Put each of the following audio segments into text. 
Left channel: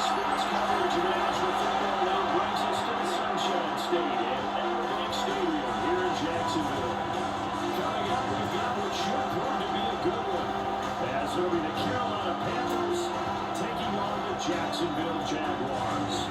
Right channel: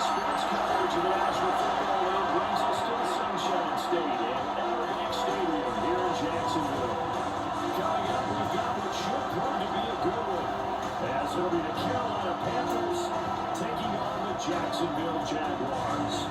sports coverage of the National Football League brings us to the Sunshine State at Arrowhead Stadium here in Jacksonville. Coming up, we've got what should prove to be a good one, as it'll be the Carolina Panthers taking on the Jacksonville Jaguars.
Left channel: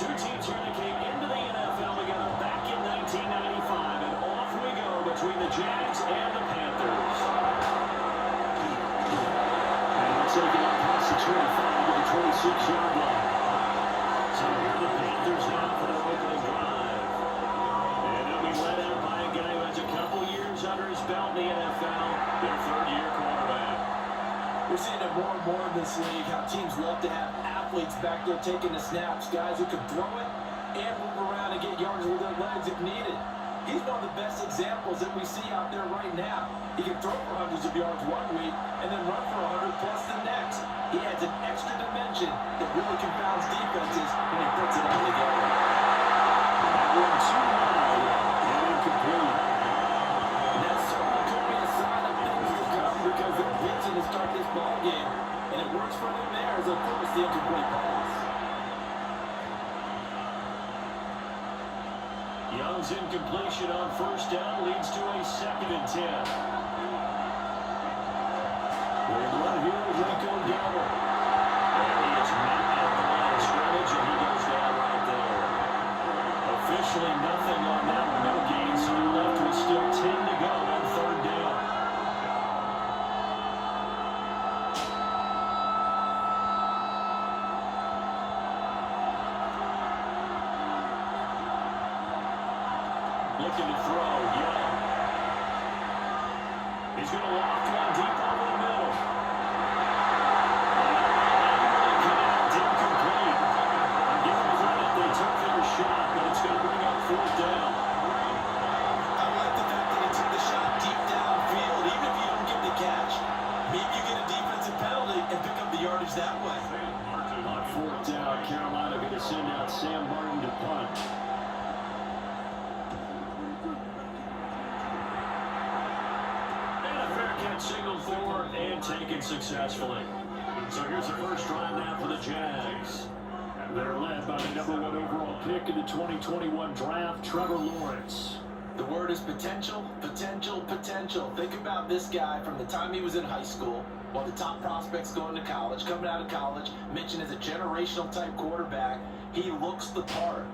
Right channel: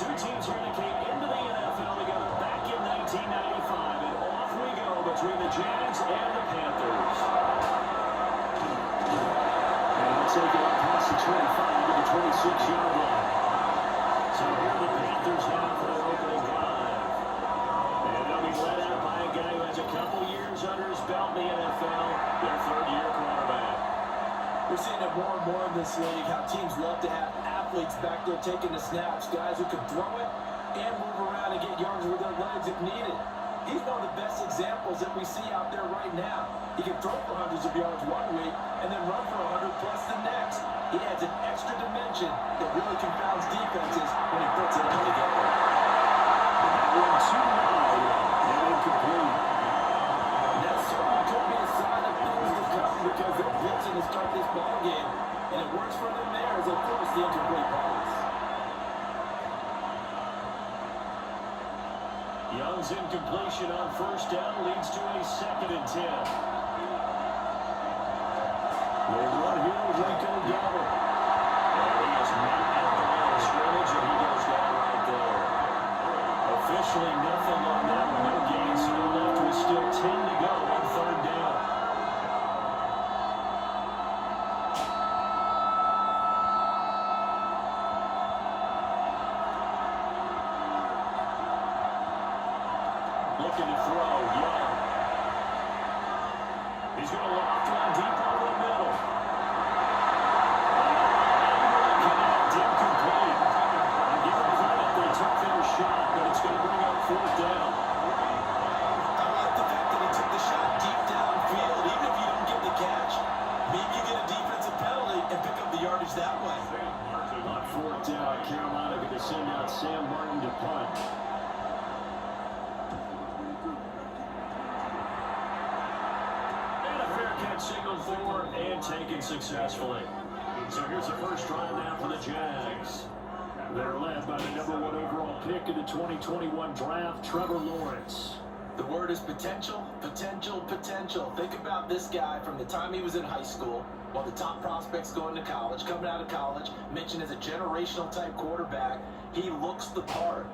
Two teams here that came into the NFL together back in 1995, and off we go between the Jags and the Panthers. And they'll take it up past the 25 to the 26-yard line. So here are the Panthers now for their opening drive. And they'll be led out by a guy who has a couple years under his belt in the NFL, their third-year quarterback. We're seeing it more and more in this league, how teams love to have athletes back there taking the snaps, guys who can throw it and move around and get yards with their legs if needed. He's one of the best examples that we see out there right now. He can throw for hundreds of yards one week and then run for 100 plus the next. He adds an extra dimension that really confounds defenses when he puts it all together. That one too wide and incomplete. And that certainly could be a sign of things to come because they're blitzing to start this ball game. And it works for them there as they force the incomplete pass. Young's incompletion on first down leads to a 2nd and 10. They run here with Rico Dowdle. And he is met at the line of scrimmage, and he goes down right there. Officially nothing on that, no gain, so they're left with still 10 to go on 3rd down. Looking to throw, Young. He's going to lock one deep over the middle. And connect, incomplete. I'm giving credit, they took their shot, but it's going to bring up 4th down. I like the fact that he took the shot deep downfield. Even if you don't get the catch, maybe you get a defensive penalty and pick up the yardage that way. On 4th down, Carolina going to send out Sam Martin to punt. Signaled for and taken successfully. So here's the first drive now for the Jags. They're led by the #1 overall pick in the 2021 draft, Trevor Lawrence. The word is potential, potential, potential. Think about this guy from the time he was in high school, while the top prospects going to college, coming out of college, mentioned as a generational type quarterback. He looks the part.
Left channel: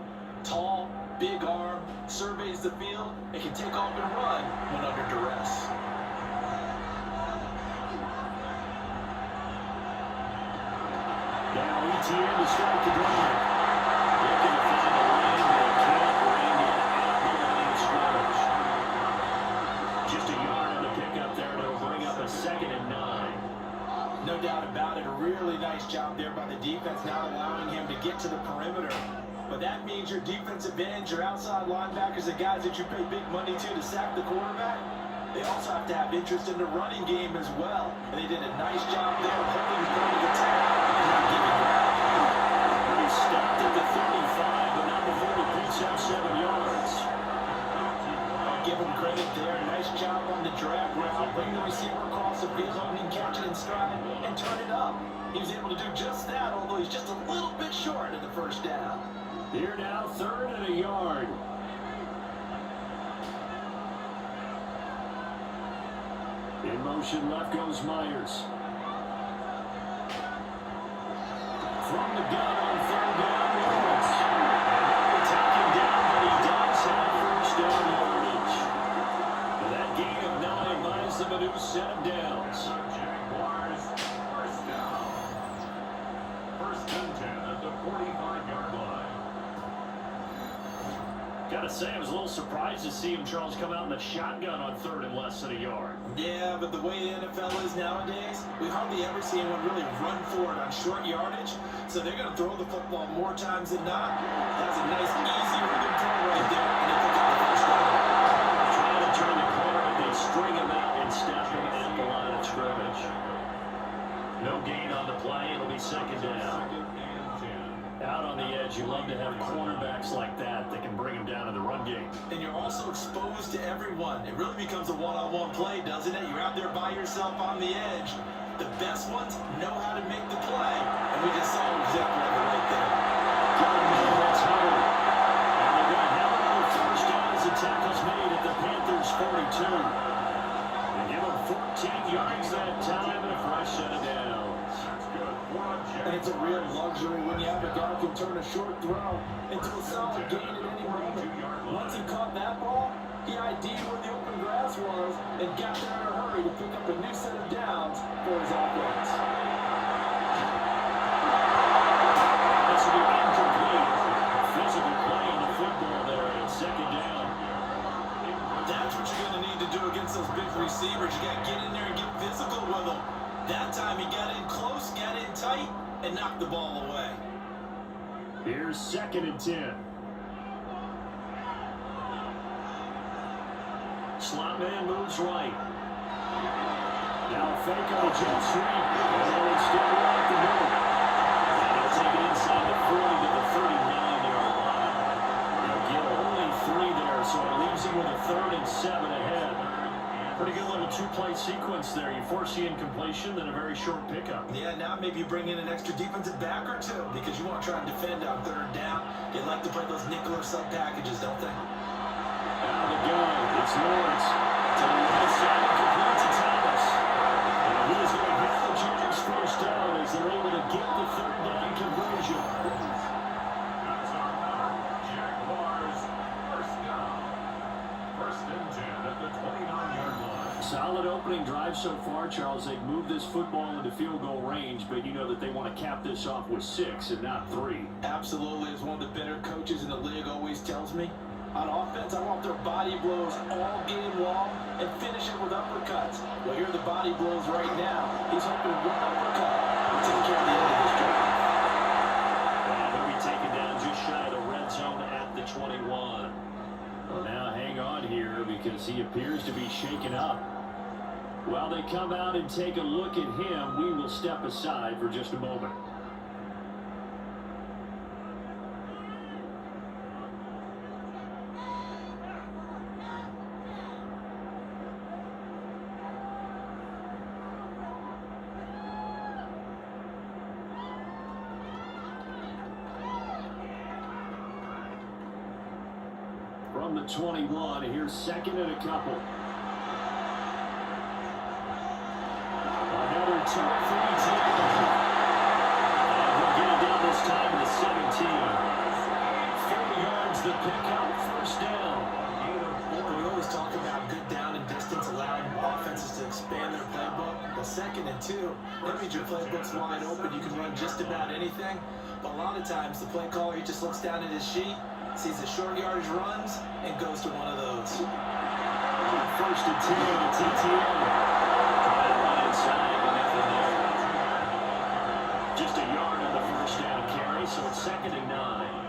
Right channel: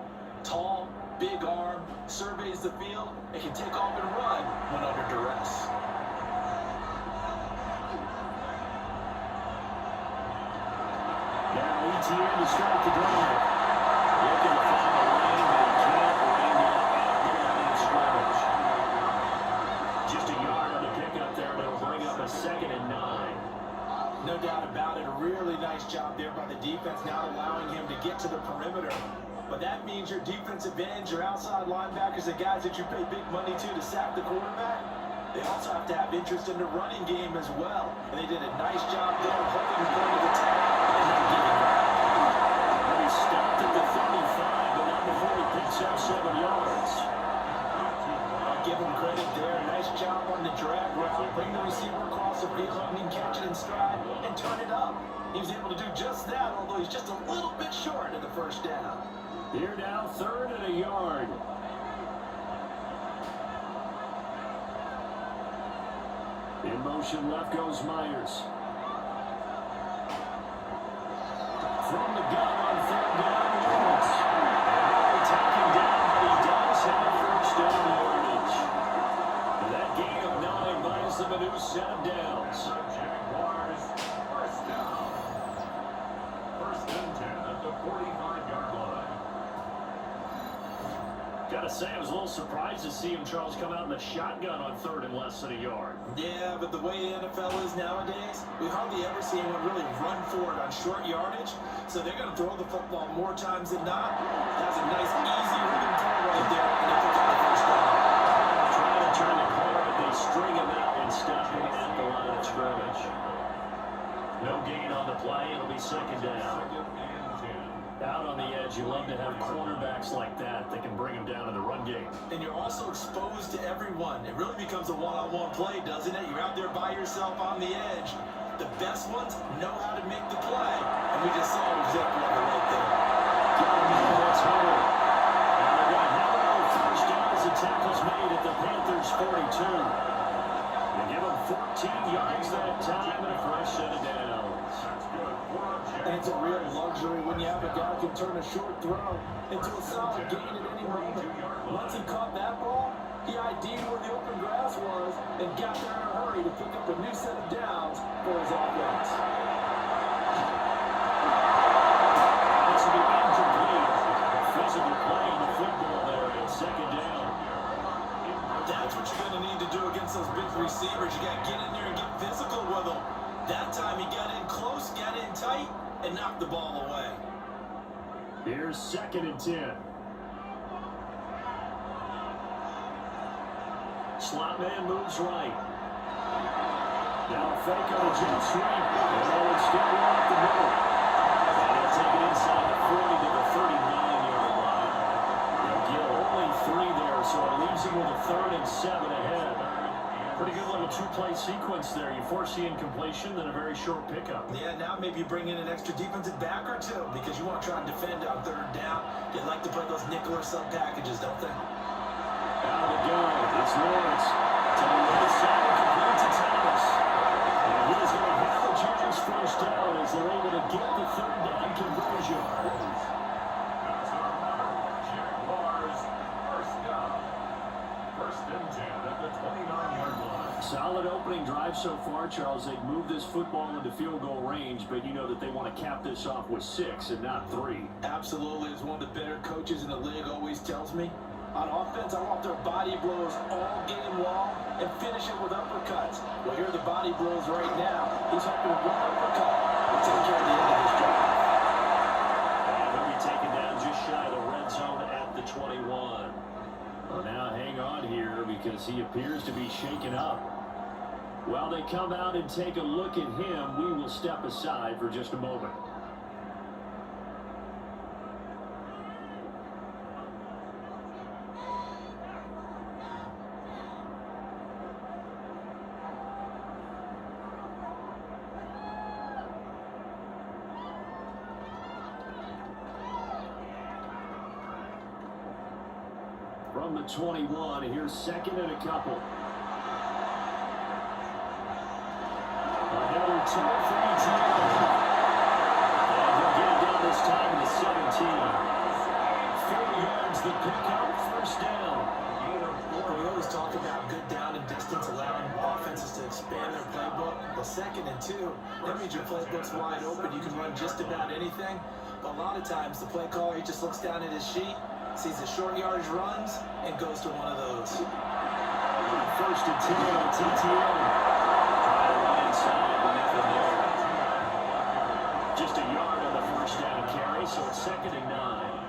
Tall, big arm, surveys the field, and can take off and run when under duress. Now ETN to strike the drive. Looking to find a lane, but he can't bring it at the line of scrimmage. Just a yard on the pickup there, but it'll bring up a 2nd and 9. No doubt about it. A really nice job there by the defense, not allowing him to get to the perimeter. But that means your defensive ends, your outside linebackers, the guys that you pay big money to sack the quarterback, they also have to have interest in the running game as well. And they did a nice job there of holding the point of attack and not giving up. And he stopped at the 35, but not before he picks up 7 yards. I'll give him credit there. Nice job on the drag route. Bring the receiver across the field, and he can catch it in stride and turn it up. He was able to do just that, although he's just a little bit short of the first down. Here now, 3rd and a yard. In motion, left goes Myers. From the gun on 3rd down, Lawrence. They take him down, but he does have first down yardage. And that gain of 9 buys them a new set of downs. Jaguars, first down. 1st and 10 at the 45-yard line. Gotta say, I was a little surprised to see him, Charles, come out in the shotgun on third and less than a yard. Yeah, but the way the NFL is nowadays, we hardly ever see anyone really run for it on short yardage. So they're going to throw the football more times than not. That's a nice, easy rhythm throw right there, and they pick up the first down. Trying to turn the corner, but they string him out and stop him at the line of scrimmage. No gain on the play. It'll be second down. Out on the edge, you love to have cornerbacks like that can bring them down in the run game. And you're also exposed to everyone. It really becomes a one-on-one play, doesn't it? You're out there by yourself on the edge. The best ones know how to make the play, and we just saw exactly right there. That's Hubbard. And they're going to have it on first down as the tackle's made at the Panthers' 42. They give them 14 yards that time and a fresh set of downs. And it's a real luxury when you have a guy who can turn a short throw into a solid gain at any moment. Once he caught that ball, he ID'd where the open grass was and got there in a hurry to pick up a new set of downs for his offense. This will be incomplete. Physical play in the football there at second down. That's what you're going to need to do against those big receivers. You got to get in there and get physical with them. That time he got in close, got in tight, and knocked the ball away. Here's second and 10. Slot man moves right. Now a fake on a jet sweep. And it's still right the middle. And they'll take it inside the 40 to the 39-yard line. They'll get only 3 there, so it leaves him with a 3rd and 7 ahead. Pretty good little two-play sequence there. You force the incompletion, then a very short pickup. Yeah, now maybe you bring in an extra defensive back or two because you want to try and defend on 3rd down. They like to play those nickel or sub packages, don't they? Out of the gun, it's Lawrence to the right side, complete to Thomas. And he's going to have the Chargers first down as they're able to get the 3rd down conversion. Jaguars first down. 1st and 10 at the 29-yard line. Solid opening drive so far, Charles. They've moved this football into field goal range, but you know that they want to cap this off with 6 and not 3. Absolutely. As one of the better coaches in the league always tells me, on offense, I want their body blows all game long and finish it with uppercuts. Well, here are the body blows right now. He's hoping one uppercut will take care of the end of this drive. And they'll be taken down just shy of the red zone at the 21. Well, now hang on here because he appears to be shaken up. While they come out and take a look at him, we will step aside for just a moment. From the 21, here's 2nd and a couple. Another time for ETN. And he'll get it down this time to the 17. 40 yards the pickup, first down. We always talk about good down and distance, allowing offenses to expand their playbook. Well, 2nd and 2, that means your playbook's wide open. You can run just about anything. But a lot of times, the play caller, he just looks down at his sheet, sees the short yardage runs, and goes to one of those. 1st and 10, it's ETN. Trying to run inside, but nothing there. Just a yard on the first down carry, so it's 2nd and 9.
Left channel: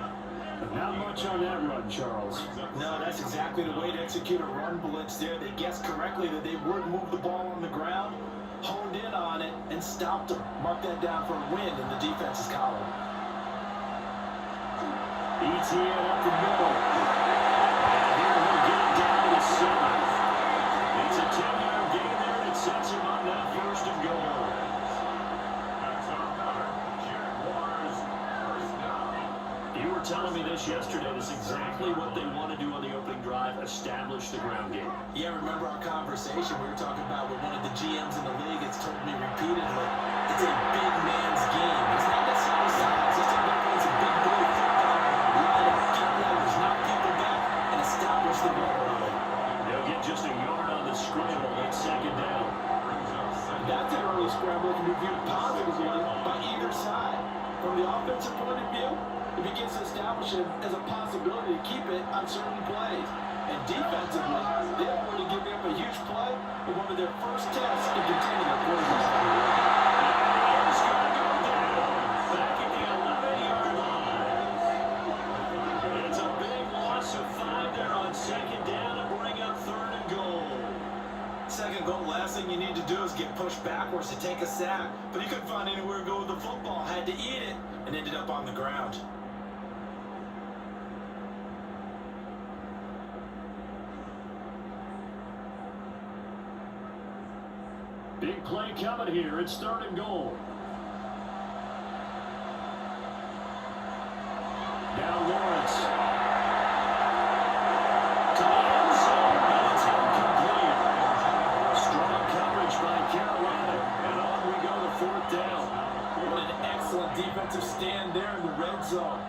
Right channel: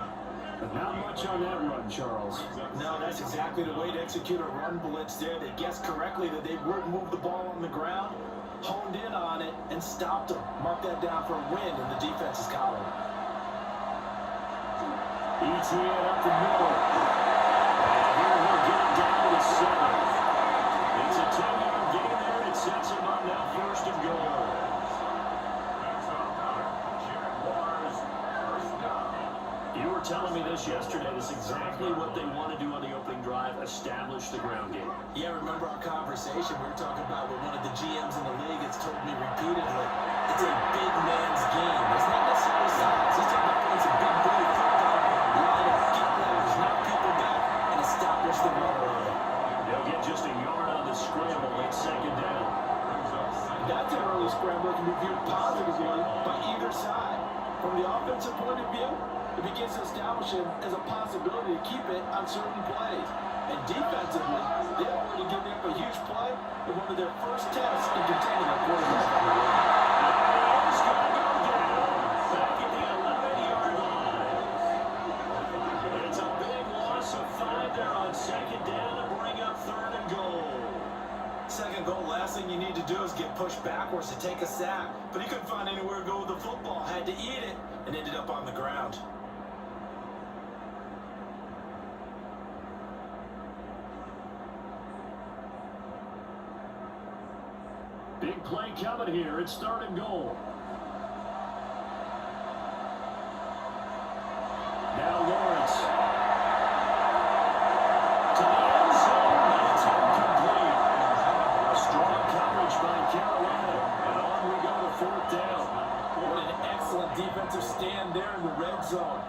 But not much on that run, Charles. No, that's exactly the way to execute a run blitz there. They guessed correctly that they would move the ball on the ground, honed in on it, and stopped them. Mark that down for a win in the defense's column. ETN up the middle. And here he'll get it down to the 7. It's a 10-yard gain there, and it sets him up now 1st and goal. Jaguars first down. You were telling me this yesterday. This is exactly what they want to do on the opening drive, establish the ground game. Yeah, remember our conversation? We were talking about with one of the GMs in the league. It's told me repeatedly, it's a big man's game. It's not necessarily size. It's about playing some big boy football, line up, get leverage, knock people back, and establish the run early. They'll get just a yard on the scramble at 2nd down. That's an early scramble that can be viewed positively by either side. From the offensive point of view, it begins to establish him as a possibility to keep it on certain plays. And defensively, they avoid to give up a huge play in one of their first tests in containing a quarterback. It's going to go down back at the 11-yard line. It's a big loss of 5 there on second down to bring up 3rd and goal. Second goal, last thing you need to do is get pushed backwards to take a sack. But he couldn't find anywhere to go with the football, had to eat it, and ended up on the ground. Big play coming here. It's 3rd and goal. Now Lawrence. To the end zone, but it's incomplete. Strong coverage by Carolina. And on we go to 4th down. What an excellent defensive stand there in the red zone.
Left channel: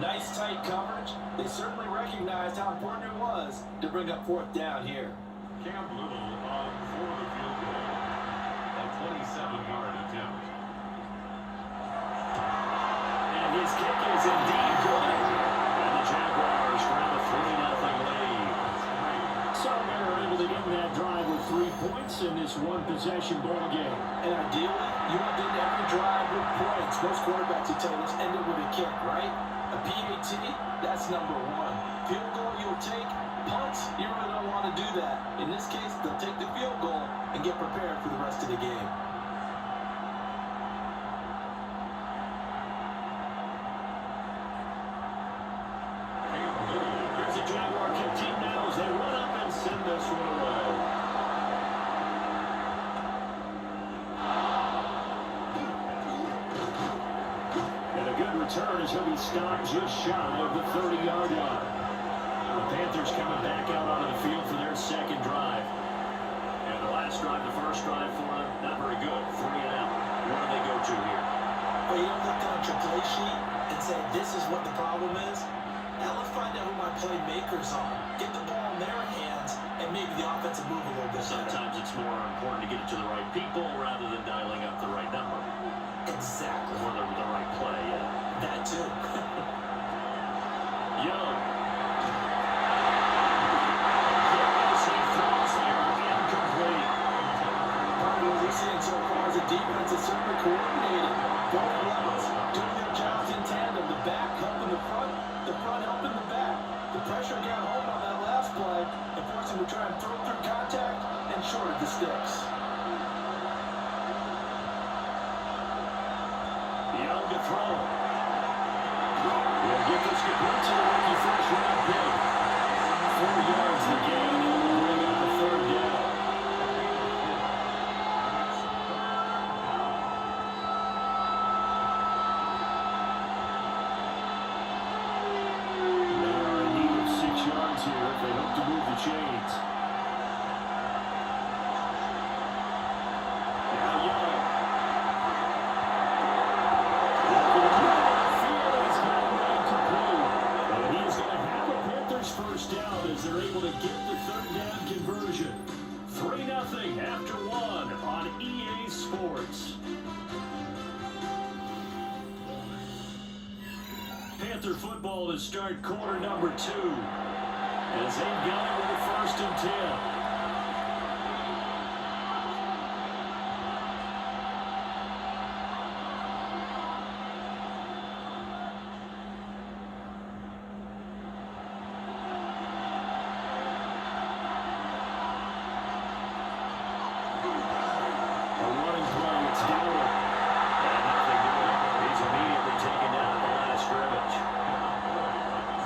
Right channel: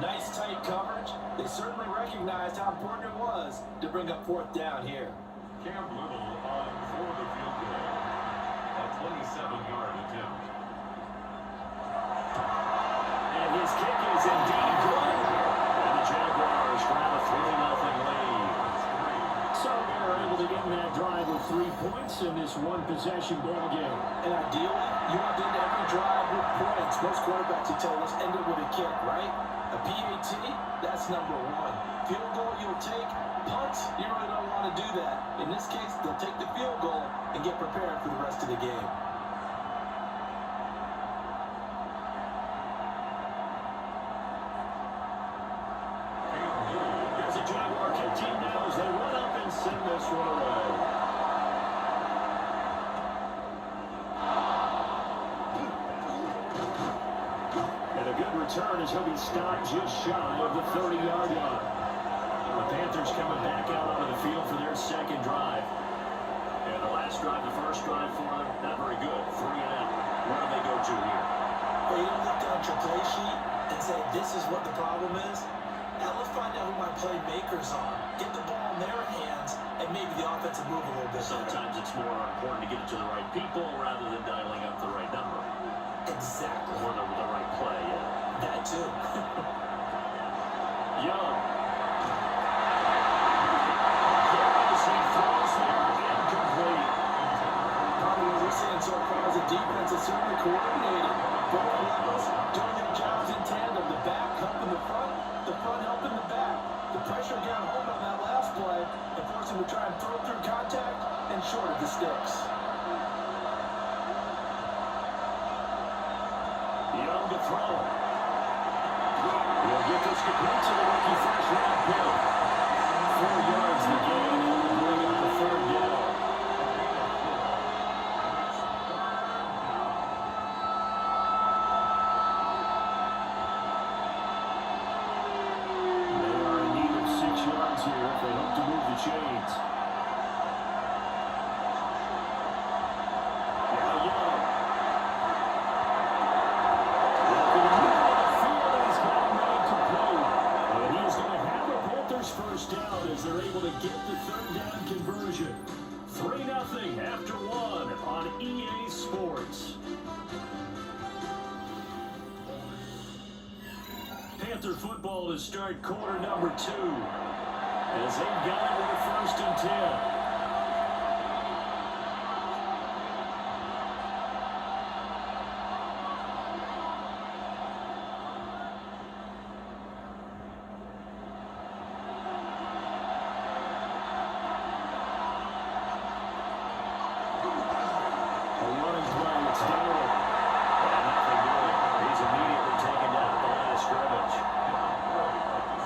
Nice tight coverage. They certainly recognized how important it was to bring up 4th down here. Cam Little on for the field goal. A 27-yard attempt. And his kick is indeed good. And the Jaguars grab a 3-0 lead. So they're able to end that drive with 3 points in this one-possession ball game. And ideally, you want to end every drive with points. Most quarterbacks, you tell us, end it with a kick, right? A PAT, that's number 1. Field goal you'll take. Punts, you really don't want to do that. In this case, they'll take the field goal and get prepared for the rest of the game. Here's a Jaguar kick team now as they run up and send this one away. And a good return as he'll be stopped just shy of the 30-yard line. The Panthers coming back out onto the field for their second drive. And the last drive, the first drive for them, not very good. 3 and out. Where do they go to here? Well, you don't look down at your play sheet and say, this is what the problem is. Now let's find out who my playmakers are. Get the ball in their hands, and maybe the offense will move a little bit better. Sometimes it's more important to get it to the right people rather than dialing up the right number. Exactly. Or the right play, yeah. That too. Young. Part of what we're seeing so far is the defense is certainly coordinated. Both levels doing their jobs in tandem. The back helping the front helping the back. The pressure got home on that last play and forced him to try and throw through contact and shorted the sticks. Young to throw. He'll get this complete to the rookie first-round pick. 4 yards the gain, and we'll bring it up to 3rd down. They are in need of 6 yards here if they hope to move the chains. Now Young. First down as they're able to get the 3rd down conversion. 3-0 after 1 on EA Sports. Panther football to start quarter number 2 as they've got it with a 1st and 10.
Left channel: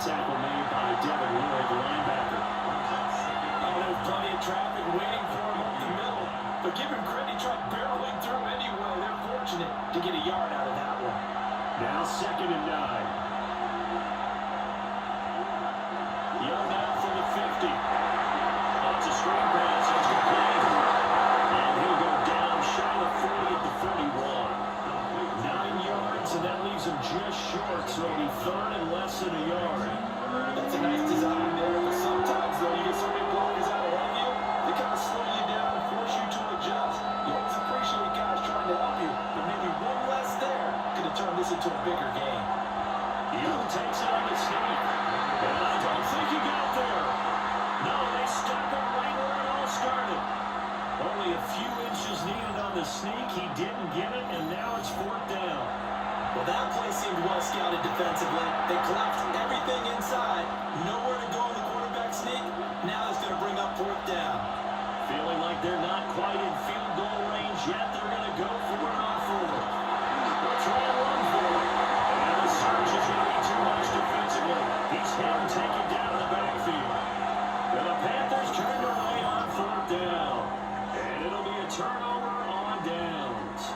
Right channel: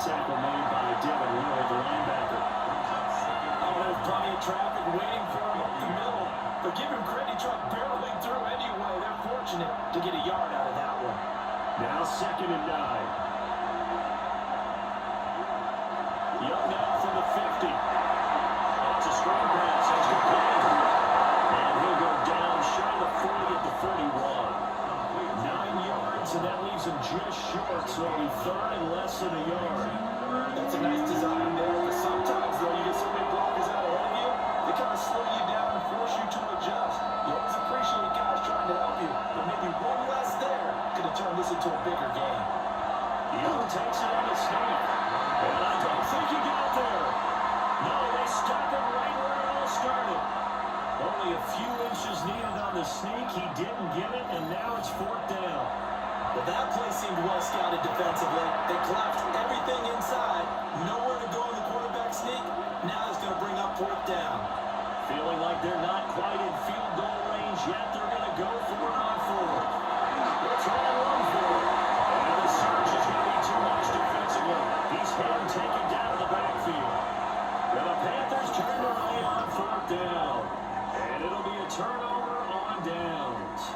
Tackle made by Devin Lloyd, the linebacker. Oh, there's plenty of traffic waiting for him up the middle. But give him credit, he tried barreling through anyway. They're fortunate to get a yard out of that one. Now 2nd and 9. Young now from the 50. That's a screen pass. That's complete. And he'll go down shy of 40 at the 41. 9 yards, and that leaves him just short, so it'll be 3rd and less than a yard. That's a nice design there, but sometimes, though, you get so many blockers out ahead of you, they kind of slow you down and force you to adjust. You always appreciate guys trying to help you, but maybe one less there could have turned this this into a bigger game. Young takes it on the sneak. And I don't think he got there. No, they stop him right where it all started. Only a few inches needed on the sneak. He didn't get it, and now it's 4th down. Well, that play seemed well scouted defensively. They collapsed everything inside. Nowhere to go in the quarterback sneak. Now it's going to bring up 4th down. Feeling like they're not quite in field goal range yet. They're going to go for it on 4th. They'll try and run for it. And the surge is going to be too much defensively. He's hit and taken down in the backfield. And the Panthers turned away on 4th down. And it'll be a turnover on downs.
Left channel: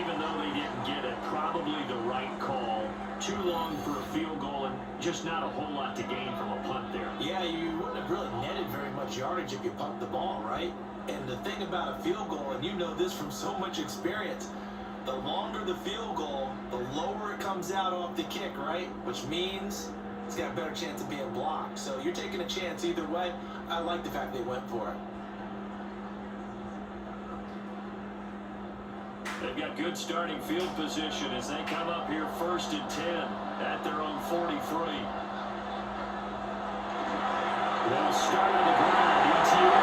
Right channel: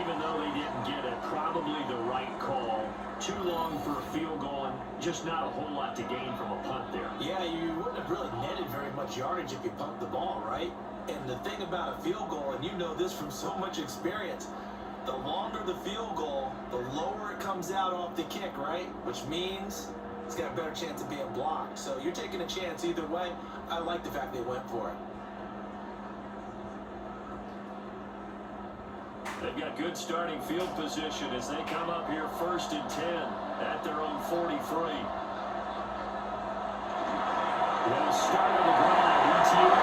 Even though they didn't get it, probably the right call. Too long for a field goal and just not a whole lot to gain from a punt there. Yeah, you wouldn't have really netted very much yardage if you pumped the ball, right? And the thing about a field goal, and you know this from so much experience, the longer the field goal, the lower it comes out off the kick, right? Which means it's got a better chance of being blocked. So you're taking a chance either way. I like the fact they went for it. They've got good starting field position as they come up here 1st and 10 at their own 43. They'll start on the ground. ETA.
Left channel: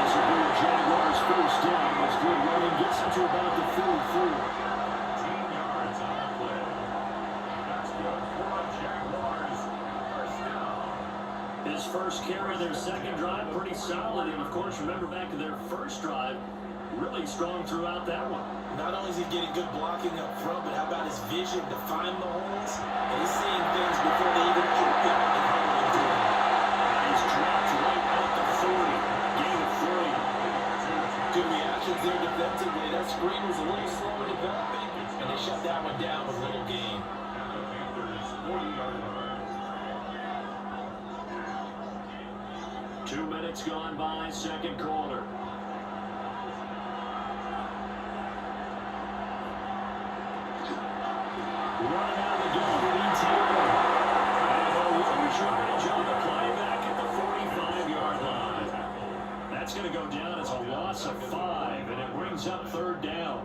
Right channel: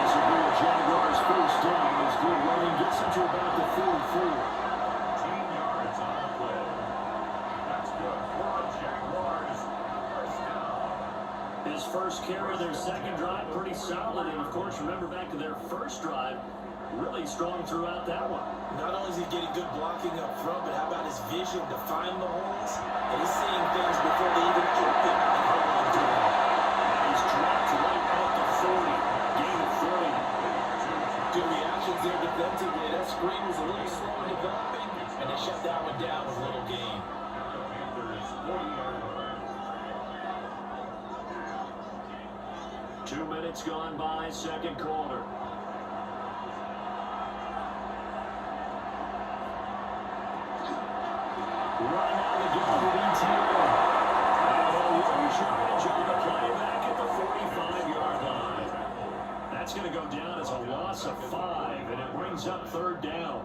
This will be a Jaguars first down as good running gets him to about the 44. 15 yards on the play. That's good for a Jaguars first down. His first carry, their second drive, pretty solid. And, of course, remember back to their first drive, really strong throughout that one. Not only is he getting good blocking up front, but how about his vision to find the holes? And he's seeing things before they even open and hurling to him. He's dropped right at the 40. Gain of 3. Good reactions there defensively. That screen was a little slow in developing, and they shut that one down with little gain. The Panthers 40-yard line. 2 minutes gone by, second quarter. Running out of the gun with ETA. And they'll lose yardage on the play back at the 45-yard line. That's going to go down as a loss of 5, and it brings up 3rd down.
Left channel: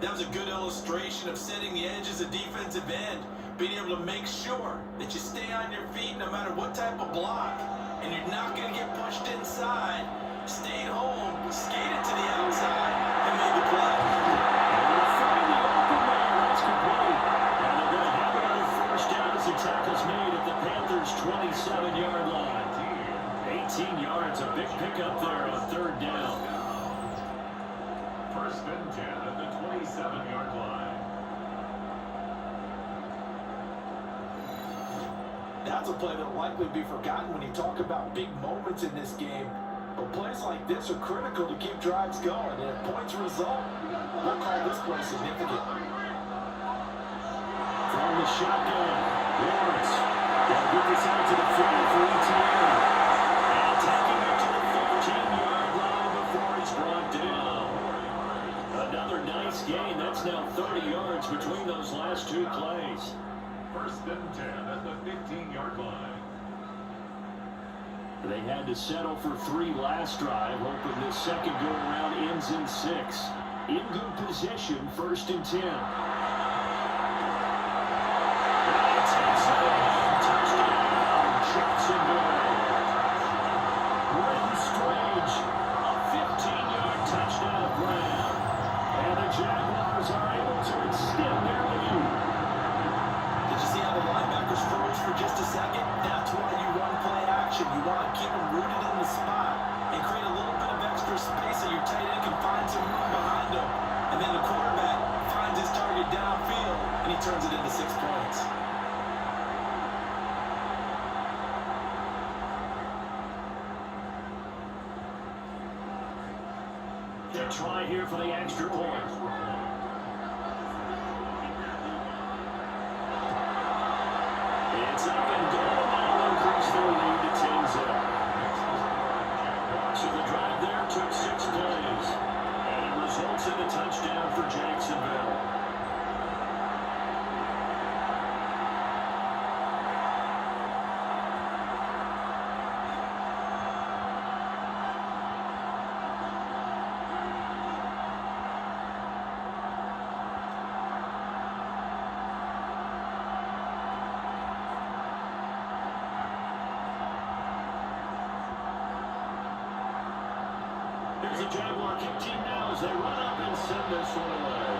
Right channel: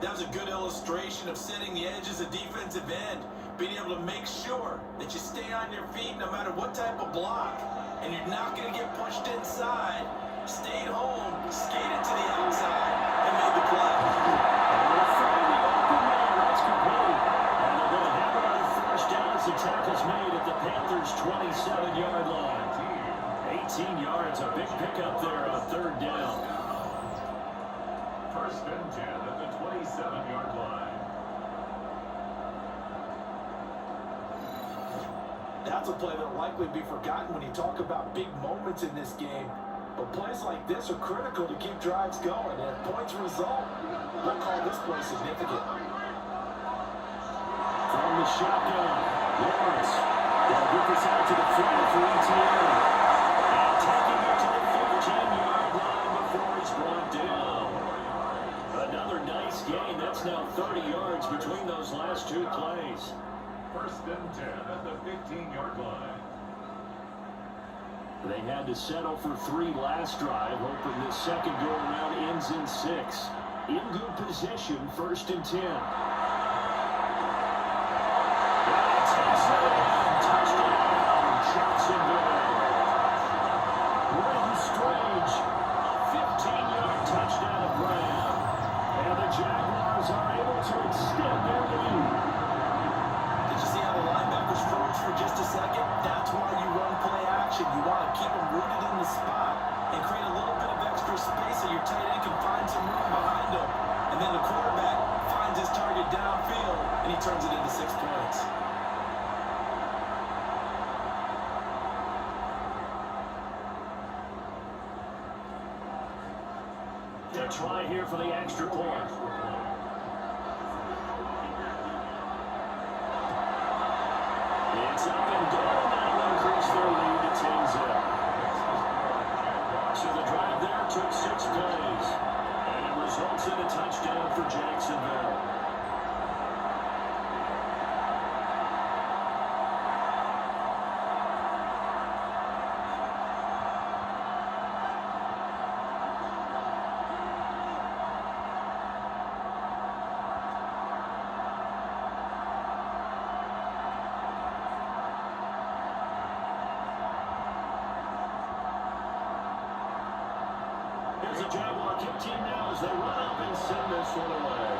That was a good illustration of setting the edge as a defensive end, being able to make sure that you stay on your feet no matter what type of block, and you're not going to get pushed inside. Stayed home, skated to the outside, and made the play. And they'll find the open man. That's complete. And they're going to have another first down as the tackle's made at the Panthers' 27-yard line. 18 yards, a big pickup there on 3rd down. 1st and 10 at the 27-yard line. That's a play that'll likely be forgotten when you talk about big moments in this game. But plays like this are critical to keep drives going. And if points result, we'll call this play significant. From the shotgun, Lawrence. They'll get this out to the flat for ETA. And taking it to the 15-yard line before he's brought down. Another nice gain. That's now 30 yards between those last 2 plays. 1st and 10 at the 15-yard line. They had to settle for 3 last drive, hoping this second go-around ends in 6. In good position, 1st and 10. Touchdown, Jacksonville. Brenton Strange, a 15-yard touchdown grab. And the Jaguars are able to extend their lead. Did you see how the linebackers froze for just a second? That's why you run play action. You want to keep them rooted in the spot and create a little bit of extra space so your tight end can find some room behind him. And then the quarterback finds his target downfield, and he turns it into 6 points. A try here for the extra point. It's up and going. That'll increase their lead to 10-0. So the drive there took 6 plays. And it results in a touchdown for Jacksonville. Here's the Jaguar kick team now as they run up and send this one away.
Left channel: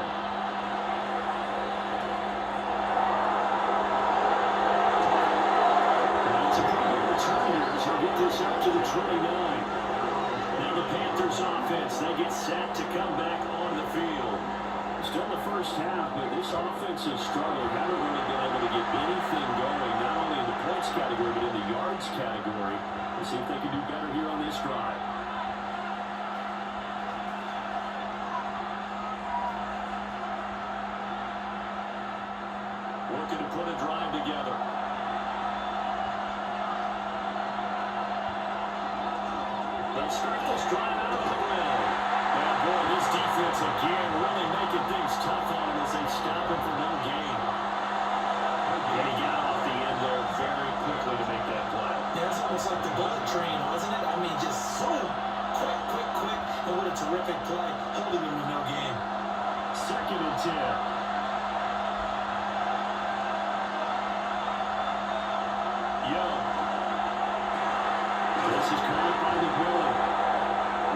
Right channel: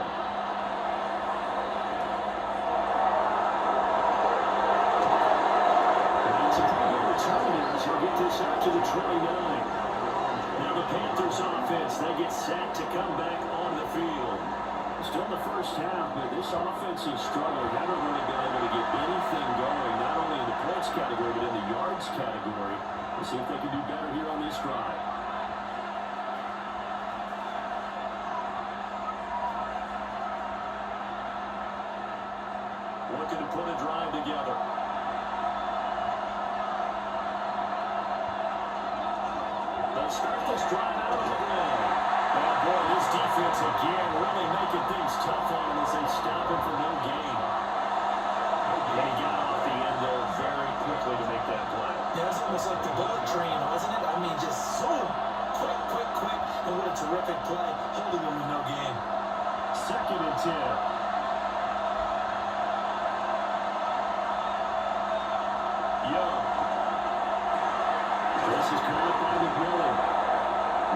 It's a pretty good return here as he'll get this out to the 29. Now the Panthers offense, they get set to come back on the field. Still the first half, but this offense has struggled. Haven't really been able to get anything going, not only in the points category, but in the yards category. We'll see if they can do better here on this drive. Working to put a drive together. They'll start this drive out on the ground. And boy, this defense again really making things tough on him as they stop him for no gain. And he got off the end there very quickly to make that play. Yeah, it was almost like the bullet train, wasn't it? I mean, just so quick. And what a terrific play, holding him with no gain. 2nd and 10. Young. This is caught up by the Miller.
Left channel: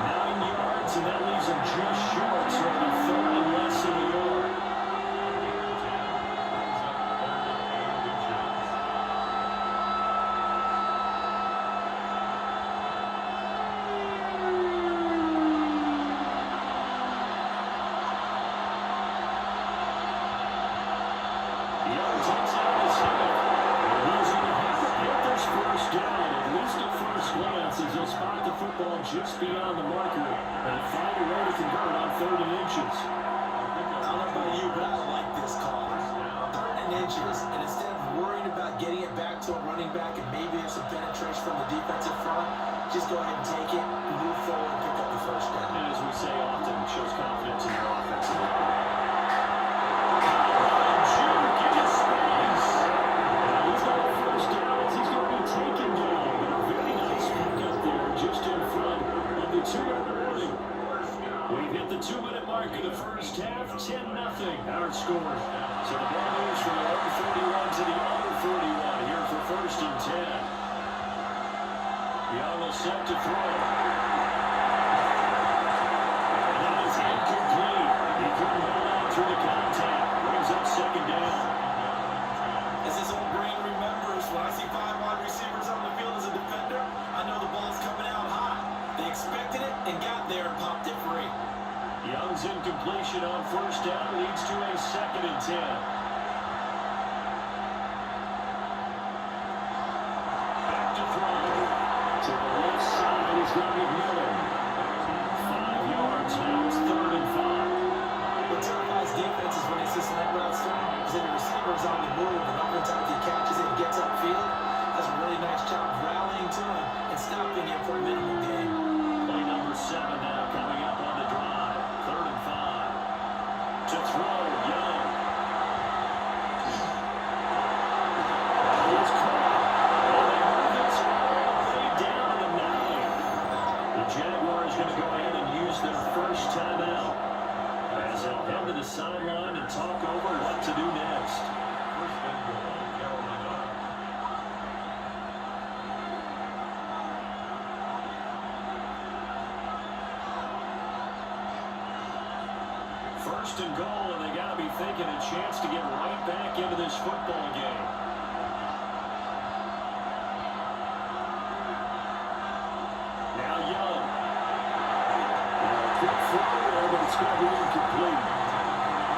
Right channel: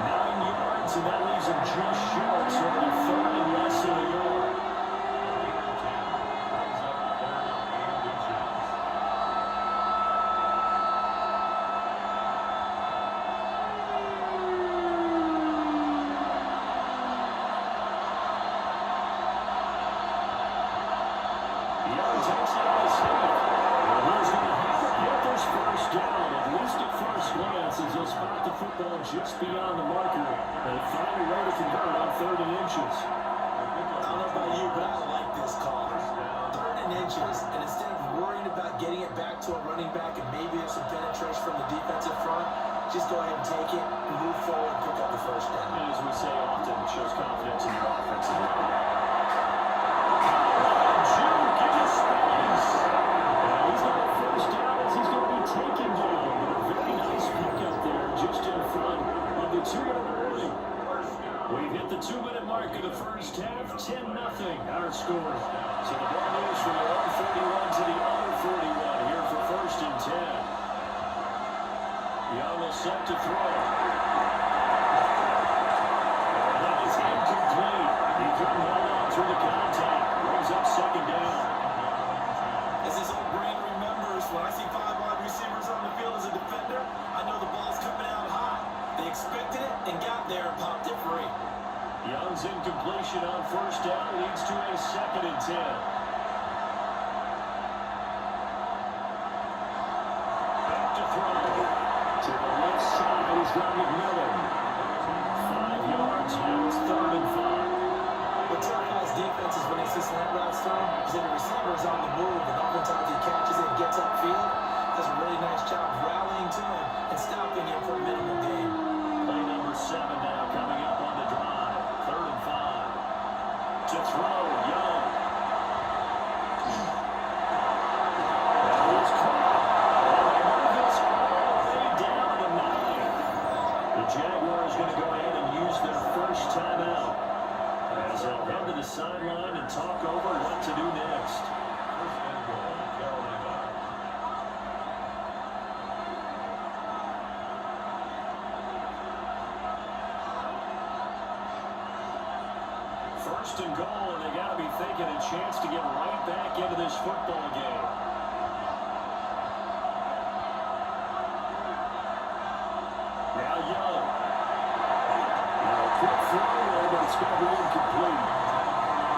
9 yards, and that leaves him just short, so it'll be 3rd and less than a yard. Young takes it on his head. And he's going to have the Panthers first down, at least at first glance, as he'll spot the football just beyond the marker and find a way to convert on 3rd and inches. I don't know about you, but I like this call. 3rd and inches, and instead of worrying about getting it back to a running back and maybe there's some penetration from the defensive front, just go ahead and take it, move forward, and pick up the first down. And as we say often, it shows confidence in your offensive line. He's got a first down as he's going to be taken down. But a very nice pickup there just in front of the 2-yard warning. We've hit the 2-minute mark of the first half, 10-0 our score. So the ball moves from the other 41 to the other 41 here for 1st and 10. Young will set to throw. And that is incomplete. He couldn't hold on through the contact. Brings up 2nd down. As his old brain remembers, when I see 5 wide receivers on the field as a defender, I know the ball's coming out high. They expected it and got there and popped it free. Young's incompletion on 1st down leads to a 2nd and 10. Back to throw. To the left side is Miller. 5 yards now, it's 3rd and 5. What terrifies defenses when they see slant routes thrown is that the receiver is on the move, and oftentimes he catches it and gets upfield. Does a really nice job rallying to him and stopping him for a minimal gain. Play number 7 now coming up on the drive. 3rd and 5. To throw, Young. That is caught. And they move this all the way down to the 9. The Jaguars going to go ahead and use their first timeout, as they'll head to the sideline and talk over what to do next. First and goal, and they got to be thinking a chance to get right back into this football game. Now Young. Quick throw, but it's going to be incomplete.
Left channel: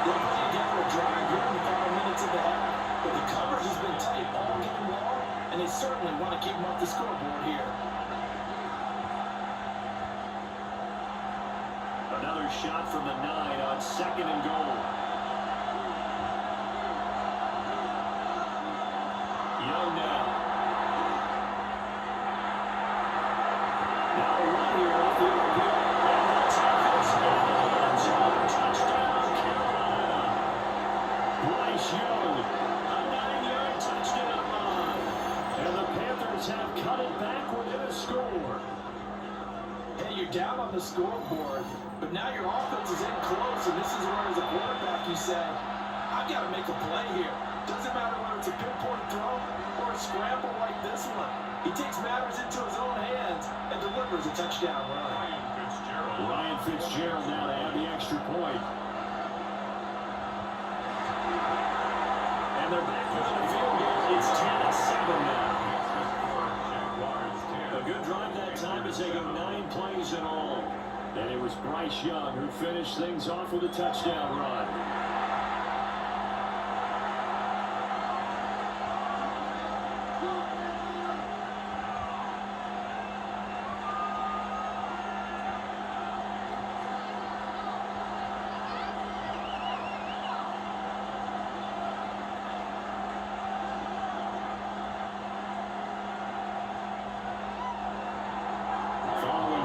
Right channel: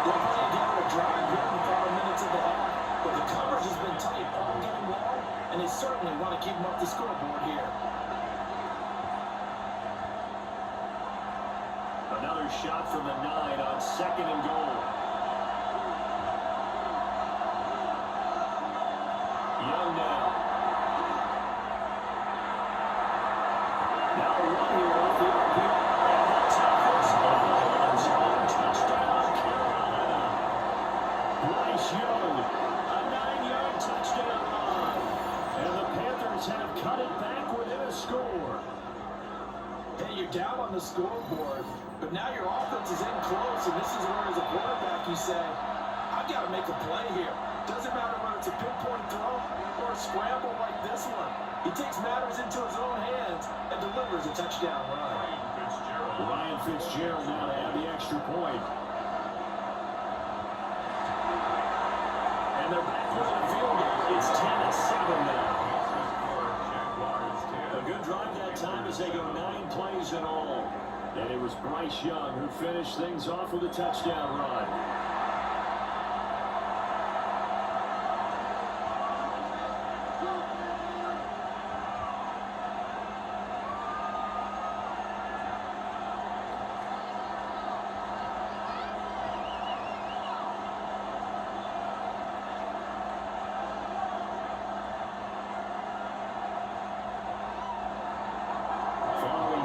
They're playing down a drive here in the final minutes of the half, but the coverage has been tight all game long, and they certainly want to keep them up the scoreboard here. Another shot from the 9 on 2nd and goal. Young now. Now a run here off the RPO. And that's a touchdown, Carolina. Bryce Young, a 9-yard touchdown run. And the Panthers have cut it back within a score. Hey, you're down on the scoreboard, but now your offense is in close, and this is where, as a quarterback, you say, I've got to make a play here. Doesn't matter whether it's a pinpoint throw or a scramble like this one. He takes matters into his own hands and delivers a touchdown run. Fitzgerald. Ryan Fitzgerald now to add the extra point. And they're back with the field goal. It's 10-7 now. Jaguars 10. A good drive that time as they go 9 plays in all. And it was Bryce Young who finished things off with a touchdown run.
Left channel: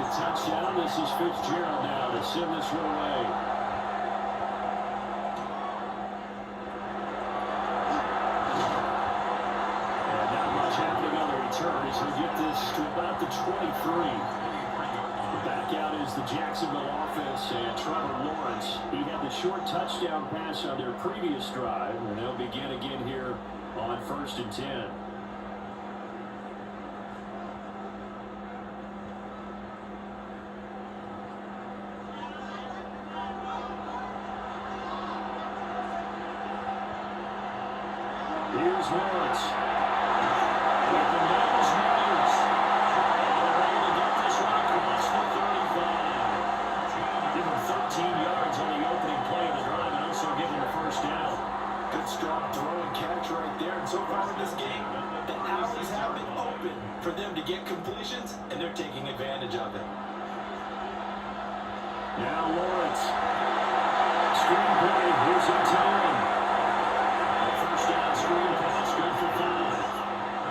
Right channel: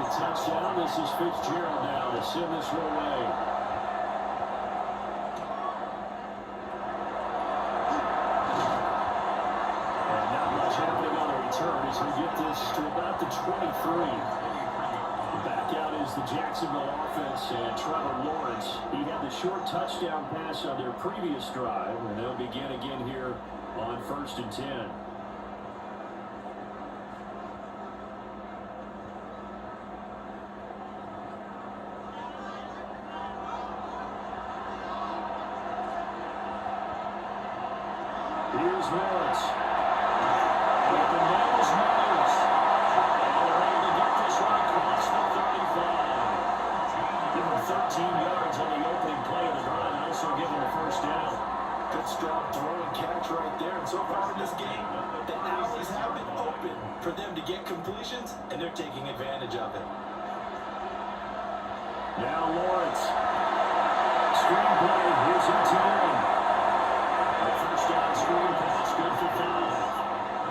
Touchdown. This is Fitzgerald now to send this one away. And not much happening on the return as we get this to about the 23. Back out is the Jacksonville offense and Trevor Lawrence. He had the short touchdown pass on their previous drive, and they'll begin again here on 1st and 10. Here's Lawrence. With the nose moves. And they're able to get this one across the 35. Give him 13 yards on the opening play of the drive and also give him the first down. Good strong throw and catch right there. And so far in this game, the alleys have been open for them to get completions, and they're taking advantage of it. Now Lawrence. Screenplay. Here's him. First down screen pass, good for 5.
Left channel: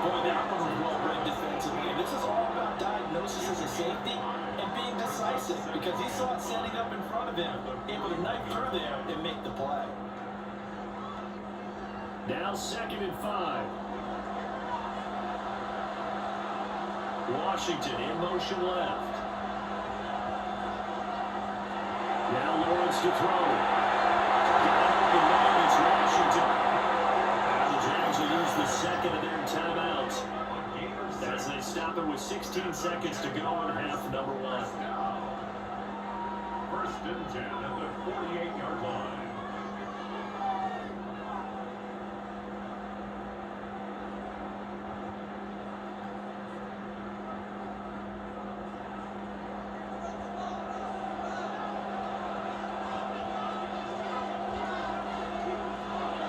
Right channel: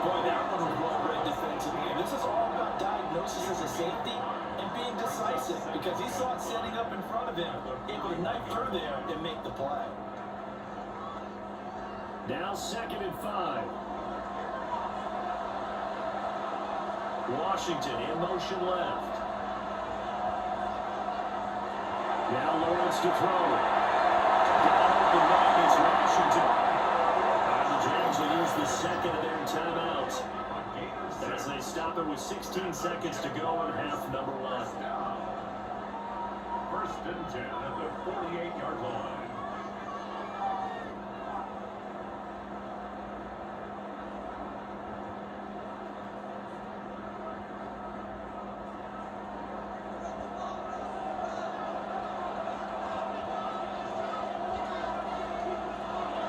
Boy, that one was well read defensively. And this is all about diagnosis as a safety and being decisive because he saw it setting up in front of him, able to knife through there and make the play. Now 2nd and 5. Washington in motion left. Now Lawrence to throw. Got open man, it's Washington. Jags will use the second of their timeouts as they stop it with 16 seconds to go on half number 1. 1st and 10 at the 48-yard line.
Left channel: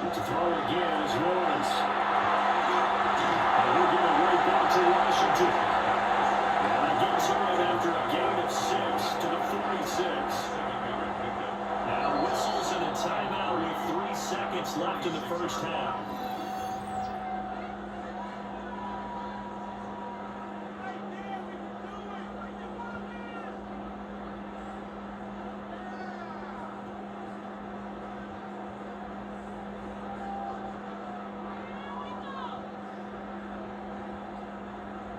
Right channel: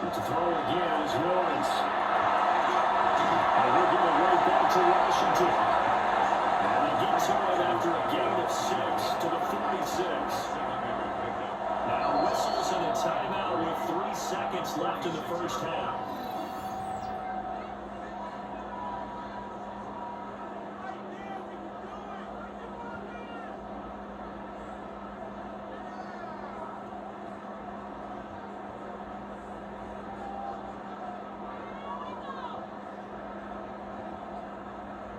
To throw again is Lawrence. And he'll give it right back to Washington. And they get to it after a gain of 6 to the 46. Now whistles and a timeout with 3 seconds left in the first half.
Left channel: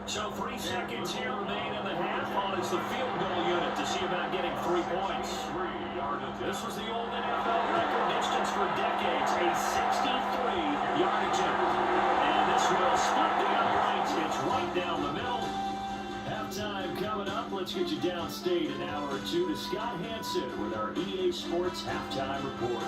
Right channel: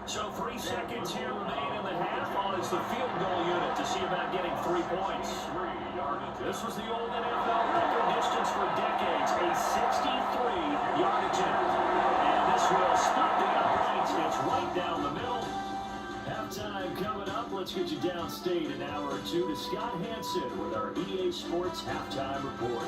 So 3 seconds here remain in the half on as the field goal unit to see about getting 3 points. This was the old NFL record distance for decades, a 63-yard attempt. And this will split the uprights. It's right down the middle. Halftime coming up. Let's get you downstate an hour or two to Scott Hansen with our EA Sports Halftime Report.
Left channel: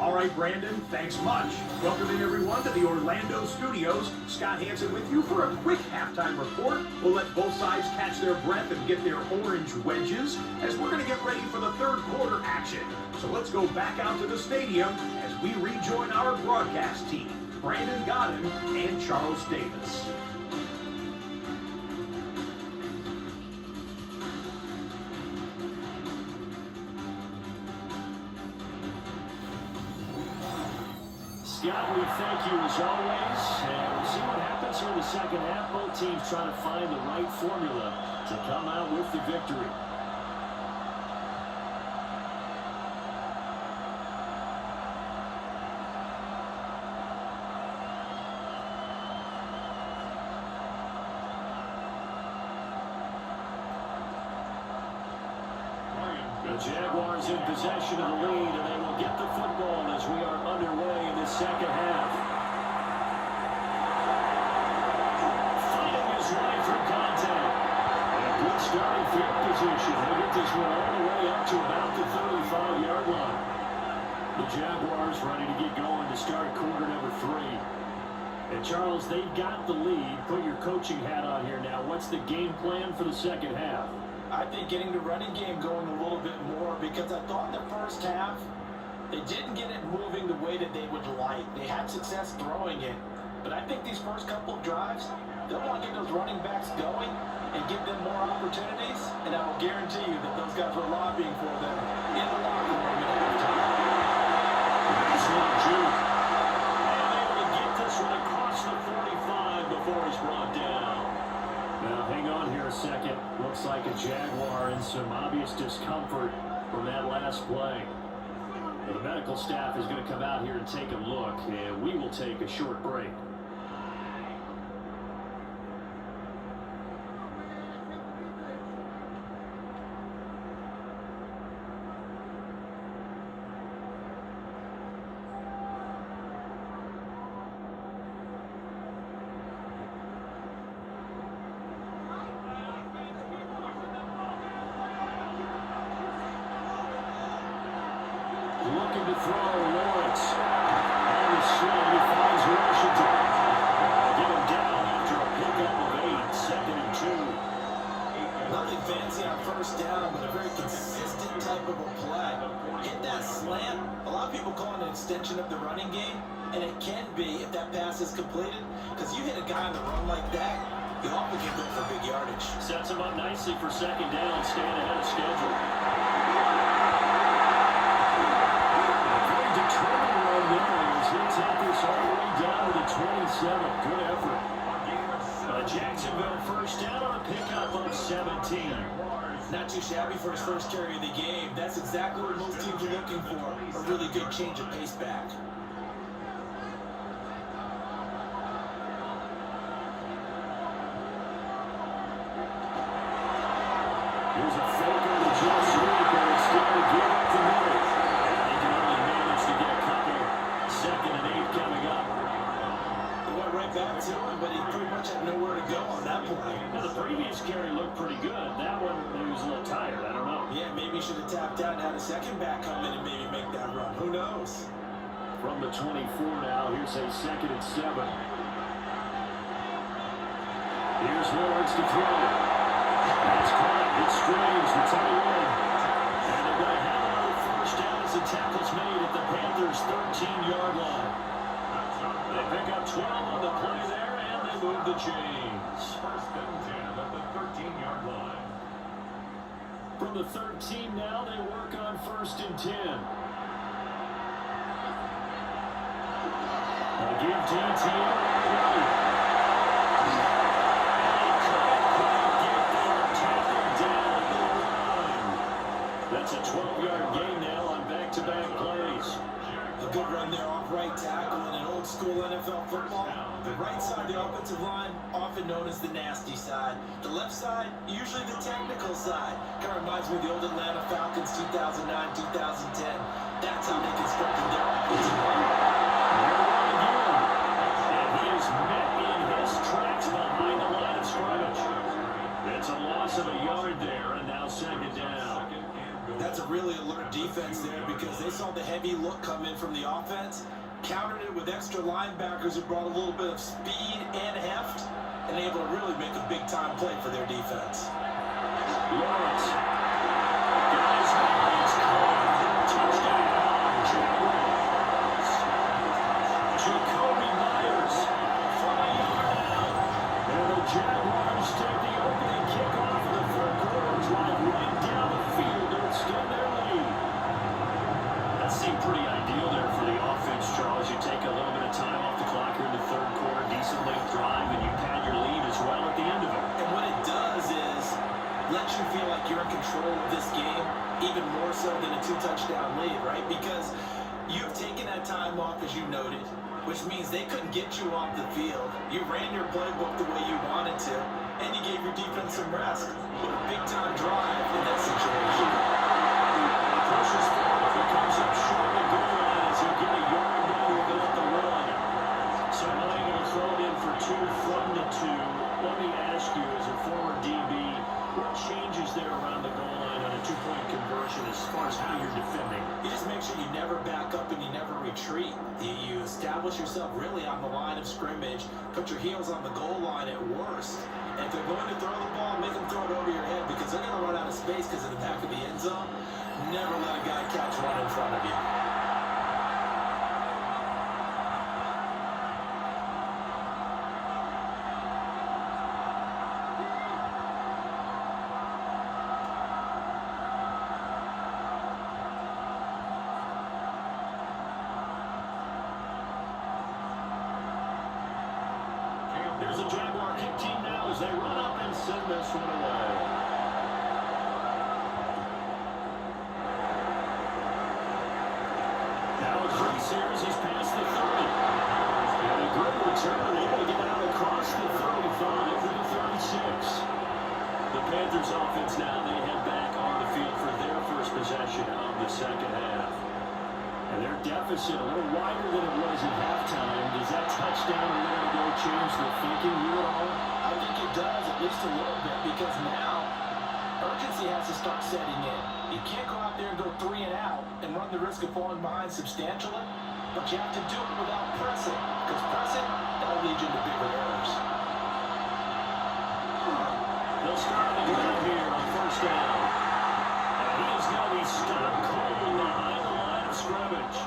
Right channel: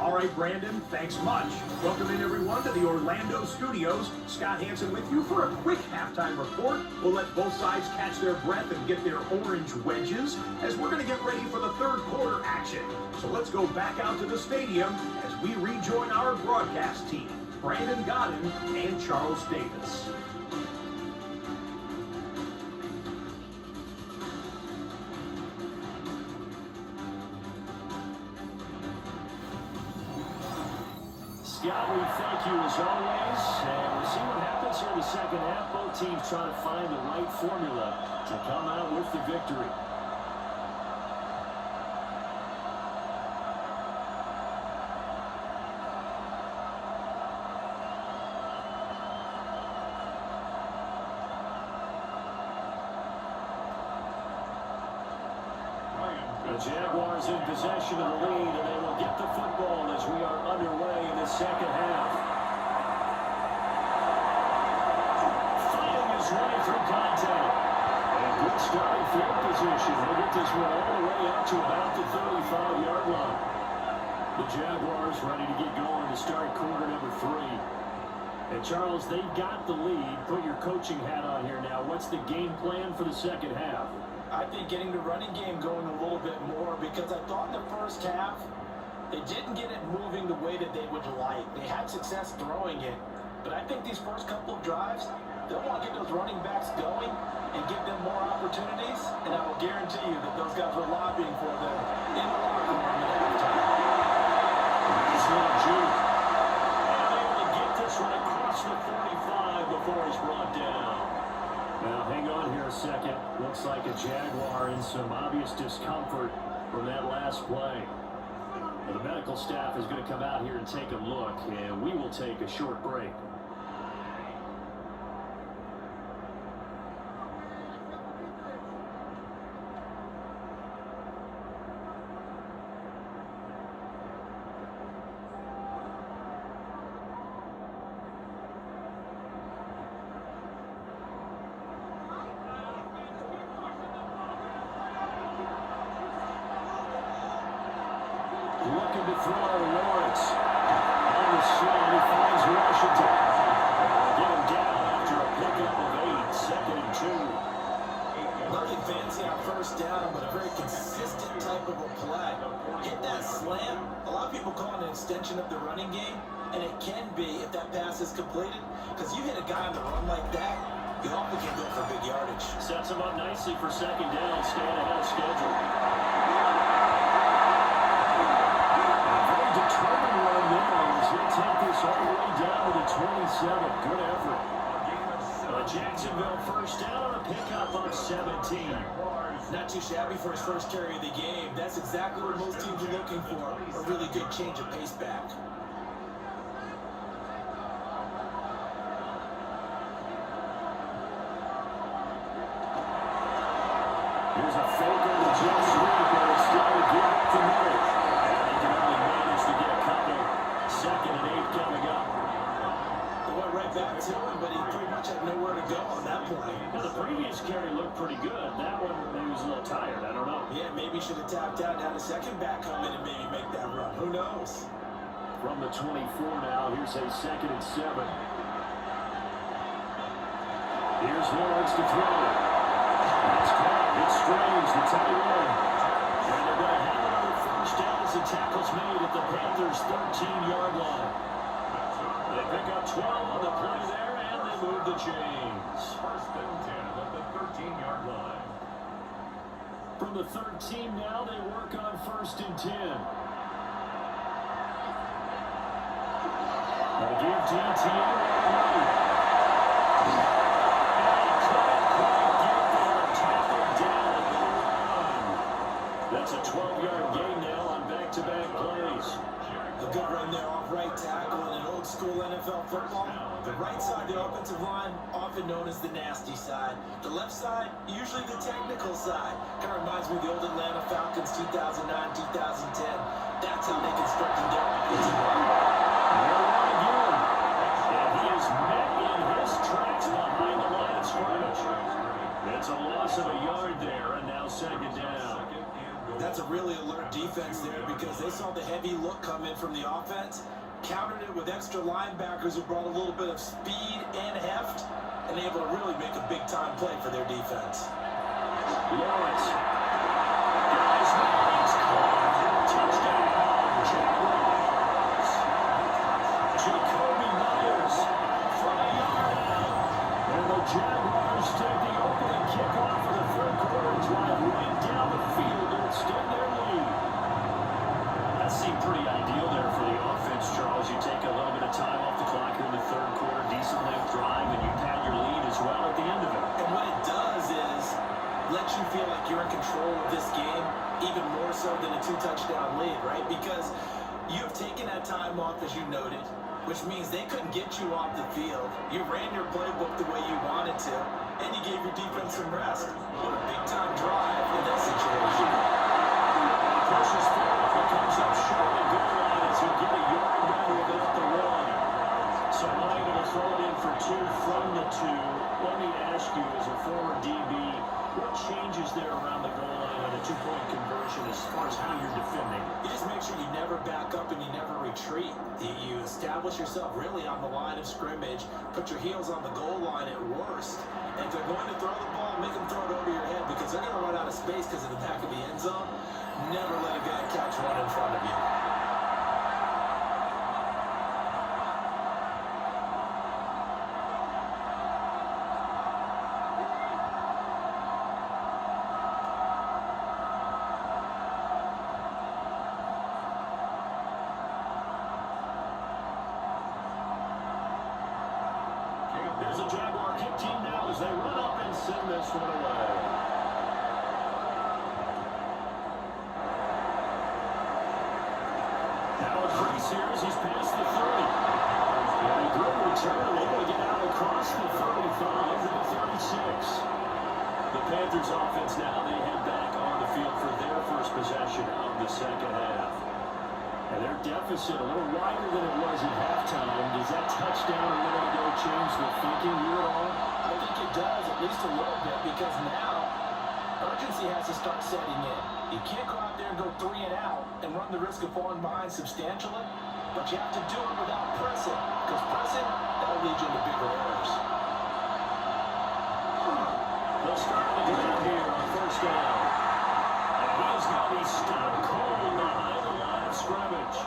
All right, Brandon, thanks much. Welcome in, everyone, to the Orlando studios. Scott Hansen with you for a quick halftime report. We'll let both sides catch their breath and get their orange wedges as we're going to get ready for the third quarter action. So let's go back out to the stadium as we rejoin our broadcast team, Brandon Godden and Charles Davis. Scott, we thank you as always, and we'll see what happens here in the second half. Both teams trying to find the right formula to come out with the victory. The Jaguars in possession of the lead, and they will get the football as we are underway in the second half. Fighting his way through contact. And blitz starting field position. They'll get this one all the way up to about the 35-yard line. The Jaguars ready to get going to start quarter number 3. And Charles, they've got the lead. Put your coaching hat on here now. What's the game plan for the second half? I think getting the running game going a little bit more, because I thought in the first half they didn't get it moving the way that they would like. They had success throwing it, but I think these first couple of drives, they'll want to get those running backs going and give them more opportunities, and I will guarantee you that those guys were lobbying for them in the locker room at halftime. Nice little juke. And able to get this one across the 45 before he's brought down. Now, hang on here a second. Looks like a Jaguar in some obvious discomfort from that last play. Well, the medical staff is going to come out here and take a look, and we will take a short break. Looking to throw Lawrence. On the sling, he finds Washington. Get him down after a pickup of 8, 2nd and 2. Nothing fancy on first down, but a very consistent type of a play. Hit that slant. A lot of people call it an extension of the running game, and it can be if that pass is completed, because you hit a guy on the run like that, you often can go for big yardage. Sets him up nicely for second down, staying ahead of schedule. Determined run there as he'll take this all the way down to the 27. Good effort. Jacksonville first down on a pickup of 17. Not too shabby for his first carry of the game. That's exactly what most teams are looking for. A really good change of pace back. Here's a fake on the jet sweep, but it's still to give up the middle. They can only manage to get a couple. 2nd and 8 coming up. They went right back to him, but he pretty much had nowhere to go on that play. Now, the previous carry looked pretty good. That one, he was a little tired. I don't know. Yeah, maybe he should have tapped out and had a second back come in and maybe make that run. Who knows? From the 24 now, here's a 2nd and 7. Here's Lawrence to throw. That's caught. It's Strange, the tight end. And they're going to have another first down as the tackle's made at the Panthers' 13-yard line. They pick up 12 on the play there, and they move the chains. 1st and 10 at the 13-yard line. From the 13 now, they work on 1st and 10. They'll give to ETN right. That's a 12-yard gain now on back-to-back plays. A good run there off right tackle in an old school NFL football. The right side of the offensive line, often known as the nasty side. The left side, usually the technical side. Kind of reminds me of the old Atlanta Falcons 2009, 2010. That's how they constructed their offensive line. And he is met in his tracks behind the line of scrimmage. It's a loss of a yard there, and now 2nd down. That's a really alert defense there, because they saw the heavy look come in from the offense, countered it with extra linebackers who brought a little bit of speed and heft, and able to really make a big-time play for their defense. Lawrence. Guys, it's caught. Touchdown. Jaguars. Jacoby Myers from a yard out. And the Jaguars take the opening kickoff for the 3rd quarter drive right down the field to extend their lead. That seemed pretty ideal there for the offense, Charles. You take a little bit of time off the clock here in the 3rd quarter, decent length drive, and you pad your lead as well at the end of it. And what it does is let you feel like you're in control of this game, even more so than a 2-touchdown lead, right? Because you've taken that time off, as you noted, which means they couldn't get you off the field. You ran your playbook the way you wanted to, and you gave your defense some rest. What a big-time drive in that situation. Pushes forward, but comes up short of the goal line as he'll get a yard down without the run. So unable to throw it in for 2 from the 2. Let me ask you, as a former DB, What changes there around the goal line on a two-point conversion as far as how you're defending? You just make sure you never back up and you never retreat. You establish yourself really on the line of scrimmage, put your heels on the goal line at worst. And if they're going to throw the ball, make them throw it over your head because they're going to run out of space because of the back of the end zone. Never let a guy catch one in front of you. There's a Jaguar kick team now as they run up and send this one away. Now a crease here as he's past the 30. And a good return, able to get out across the 35 to the 36. The Panthers offense now, they head back on the field for their first possession of the second half. And their deficit a little wider than it was at halftime. Does that touchdown a minute ago change the thinking you at all? I think it does, at least a little bit, because now urgency has to start setting in. You can't go out there and go 3 and out and run the risk of falling behind substantially, but you have to do it without pressing, because pressing, that'll lead you into bigger errors. They'll start the game here on first down. And he is going to be stopped cold behind the line of scrimmage.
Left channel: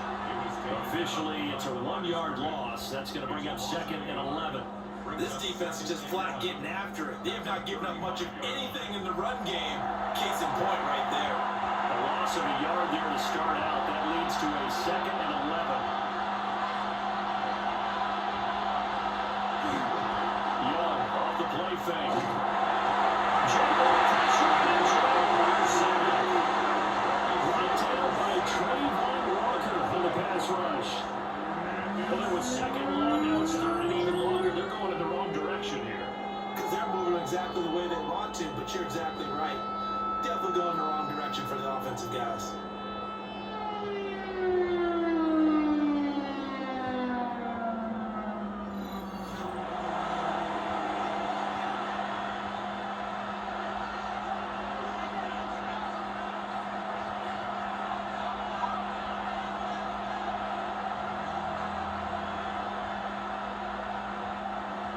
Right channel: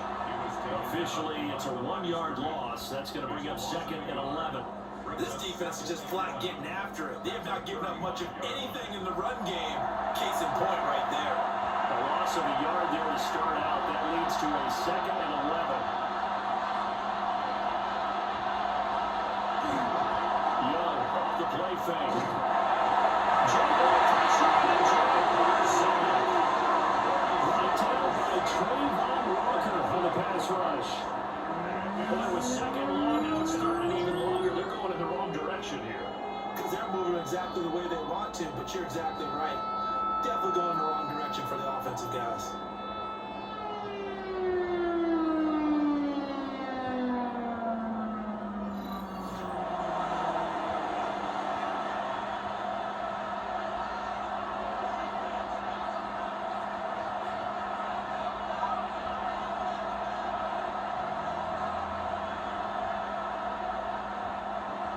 Officially, it's a 1-yard loss. That's going to bring up 2nd and 11. This defense is just flat getting after it. They have not given up much of anything in the run game. Case in point right there. A loss of a yard there to start out. That leads to a 2nd and 11. Young off the play fake. Jaguar pressure and Jaguars brought down by Trayvon Walker on the pass rush. Well, it was 2nd long, now it's 3rd and even longer. They're going in the wrong direction here. Because they're moving exactly the way they want to, but you're exactly right. Definitely going in the wrong direction for the offensive guys.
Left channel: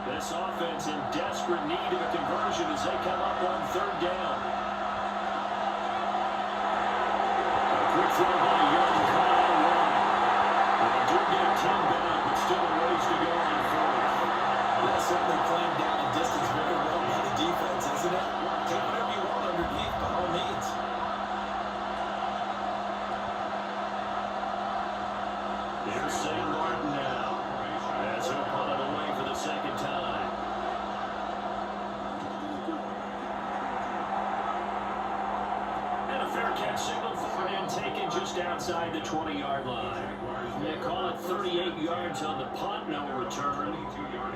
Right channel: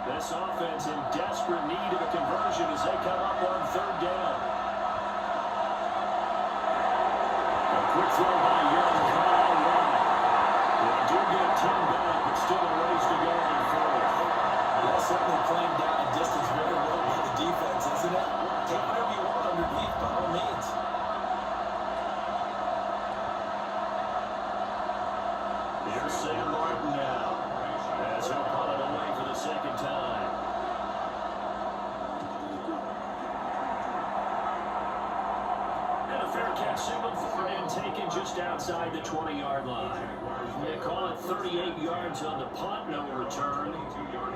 This offense in desperate need of a conversion as they come up on 3rd down. A quick throw by Young, caught on one. They do get 10 back, but still a ways to go on 4th. That's certainly playing down the distance very well by the defense, isn't it? Take whatever you want underneath, by all means. Here's Sam Martin now, as he'll punt it away for the 2nd time. And a fair catch signaled for and taken just outside the 20-yard line. They call it 38 yards on the punt, no return.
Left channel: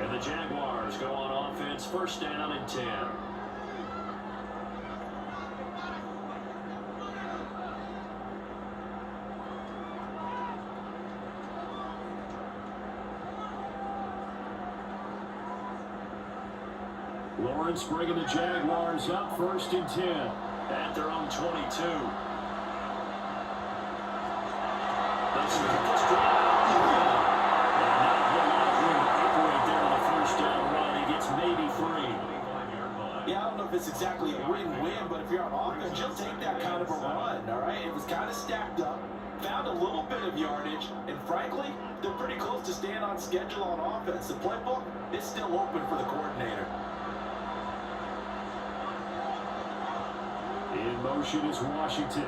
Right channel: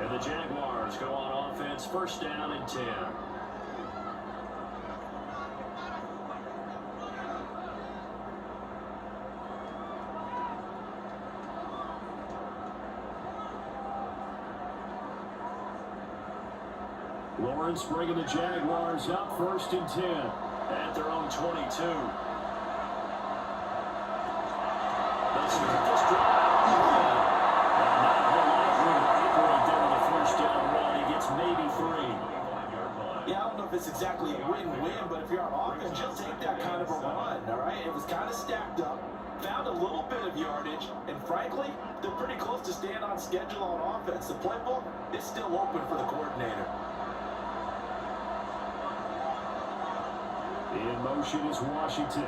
And the Jaguars go on offense, 1st down and 10. Lawrence bringing the Jaguars up 1st and 10 at their own 22. Let's start this drive. And not a whole lot of room to operate there on the 1st down run. He gets maybe 3. Yeah, I don't know if it's exactly a win-win, but if you're on offense, you'll take that kind of a run, all right? It was kind of stacked up, found a little bit of yardage, and frankly, they're pretty close to staying on schedule on offense. The playbook is still open for the coordinator. In motion is Washington.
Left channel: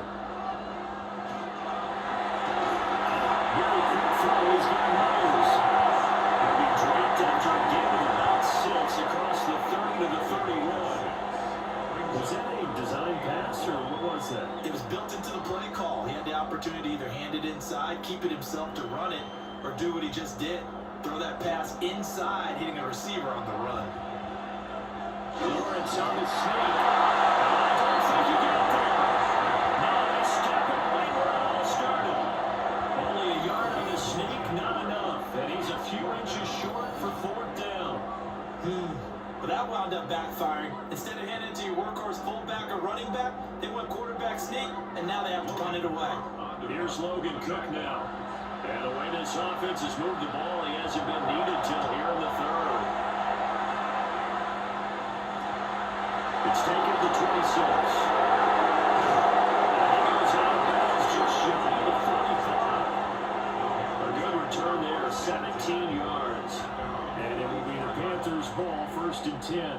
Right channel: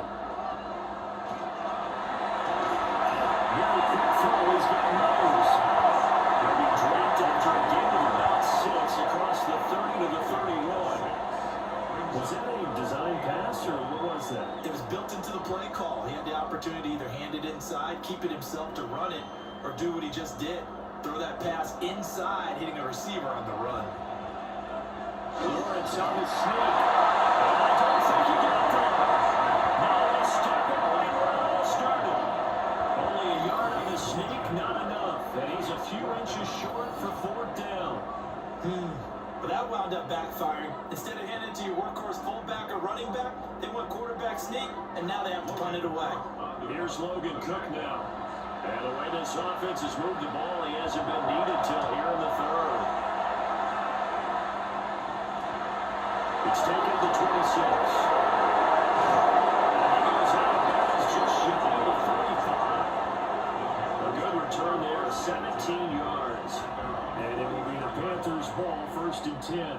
Very quick throw. He's got Myers. He'll be dropped after a gain of about 6 across the 30 to the 31. Was that a design pass, or what was that? It was built into the play call. He had the opportunity to either hand it inside, keep it himself to run it, or do what he just did. Throw that pass inside, hitting a receiver on the run. Lawrence on the sneak. I don't think he got there. Now they stop it right where it all started. Only a yard on the sneak, not enough. And he's a few inches short for 4th down. But that wound up backfiring. Instead of heading to your workhorse fullback or running back. They went quarterback sneak, and now they have to punt it away. Here's Logan Cook now. And the way this offense has moved the ball, he hasn't been needed till here in the third. It's taken to 26. And he goes out of bounds just shy of the 45. A good return there, 17 yards. And it will be the Panthers' ball, 1st and 10.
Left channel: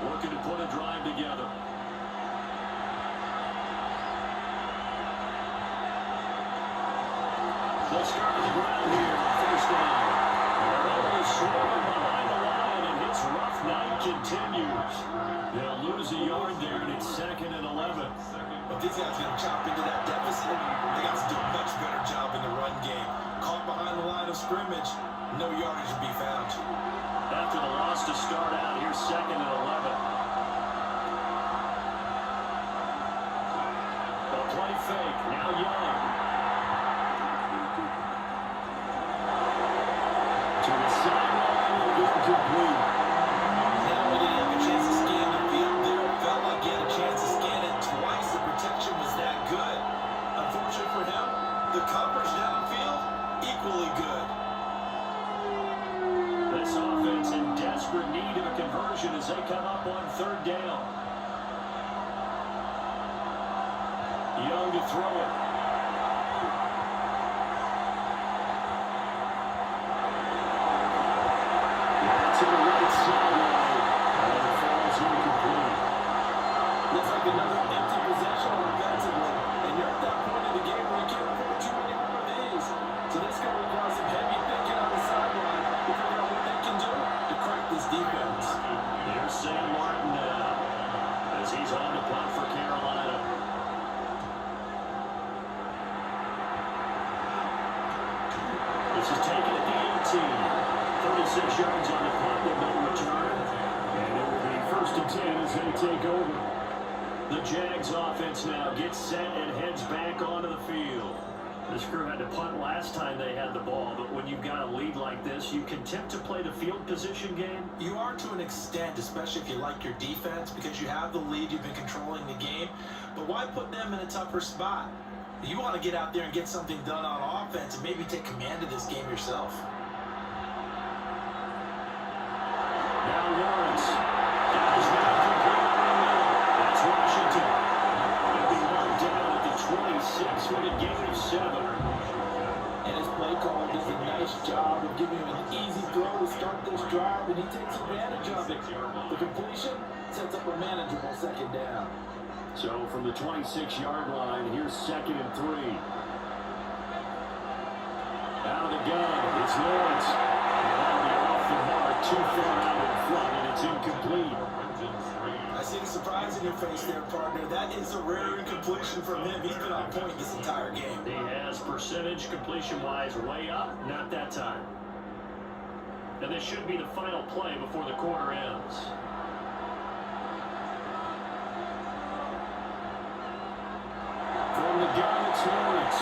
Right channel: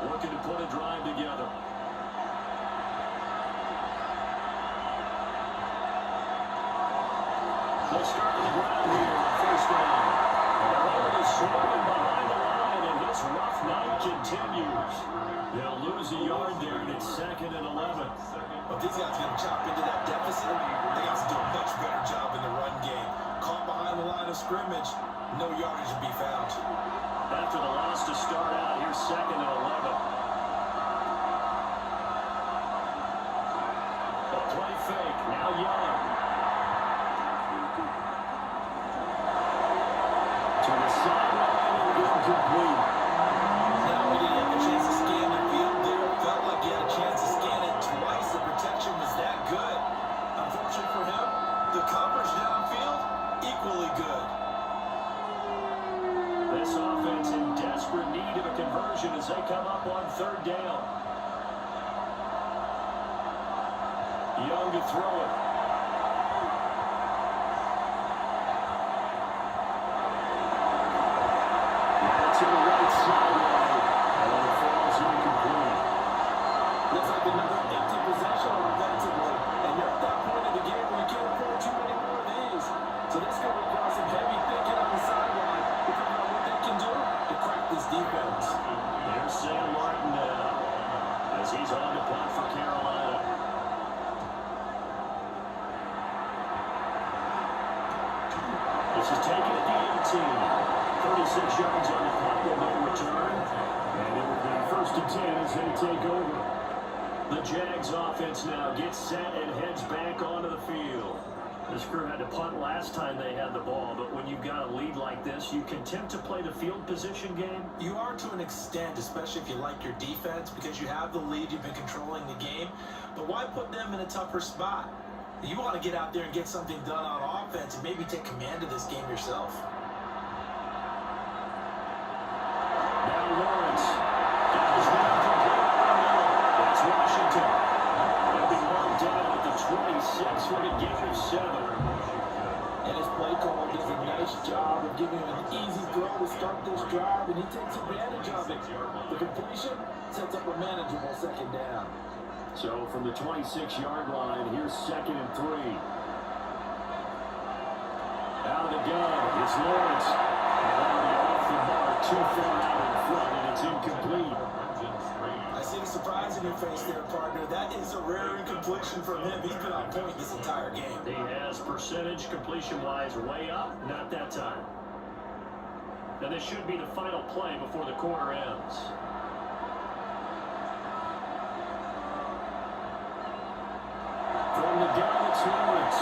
Looking to put a drive together. They'll start on the ground here on 1st down. And the ball is swirling behind the line, and this rough night continues. They'll lose a yard there, and it's 2nd and 11. But these guys going to chop into that deficit. They got to do a much better job in the run game. Caught behind the line of scrimmage, no yardage to be found. After the loss to start out, here's 2nd and 11. The play fake, now Young. To the sideline and incomplete. Not only did he have a chance to scan the field there, it felt like he had a chance to scan it twice. The protection was that good. Unfortunately for him, the coverage downfield, equally good. This offense in desperate need of a conversion as they come up on 3rd down. Young to throw it. To the right sideline. And it falls incomplete. Looks like another empty possession offensively. And you're at that point in the game where you can't afford too many more of these. So this could require some heavy thinking on the sideline to figure out what they can do to crack this defense. There's Sam Martin now as he's on to punt for Carolina. This is taken at the 18. 36 yards on the clock, with no return. And it will be 1st and 10 as they take over. The Jags offense now gets set and heads back onto the field. This crew had to punt last time they had the ball, but when you've got a lead like this, you can tempt to play the field position game. You are to an extent, especially if you like your defense, because you have the lead, you've been controlling the game. But why put them in a tougher spot? You want to get out there and get something done on offense and maybe take command of this game yourself. Now Lawrence. Got his man complete in the middle. That's Washington. They'll be marked down at the 26 with a gain of 7. And his play caller does a nice job of giving him an easy throw to start this drive, and he takes advantage of it. The completion sets up a manageable 2nd down. So from the 26-yard line, here's 2nd and 3. Out of the gun, it's Lawrence. And that'll be off the mark, too far out in front, and it's incomplete. I see the surprise in your face there, partner. That is a rare incompletion from him. He's been on point this entire game. He has percentage completion-wise way up, not that time. And this should be the final play before the quarter ends. From the gun, it's Lawrence.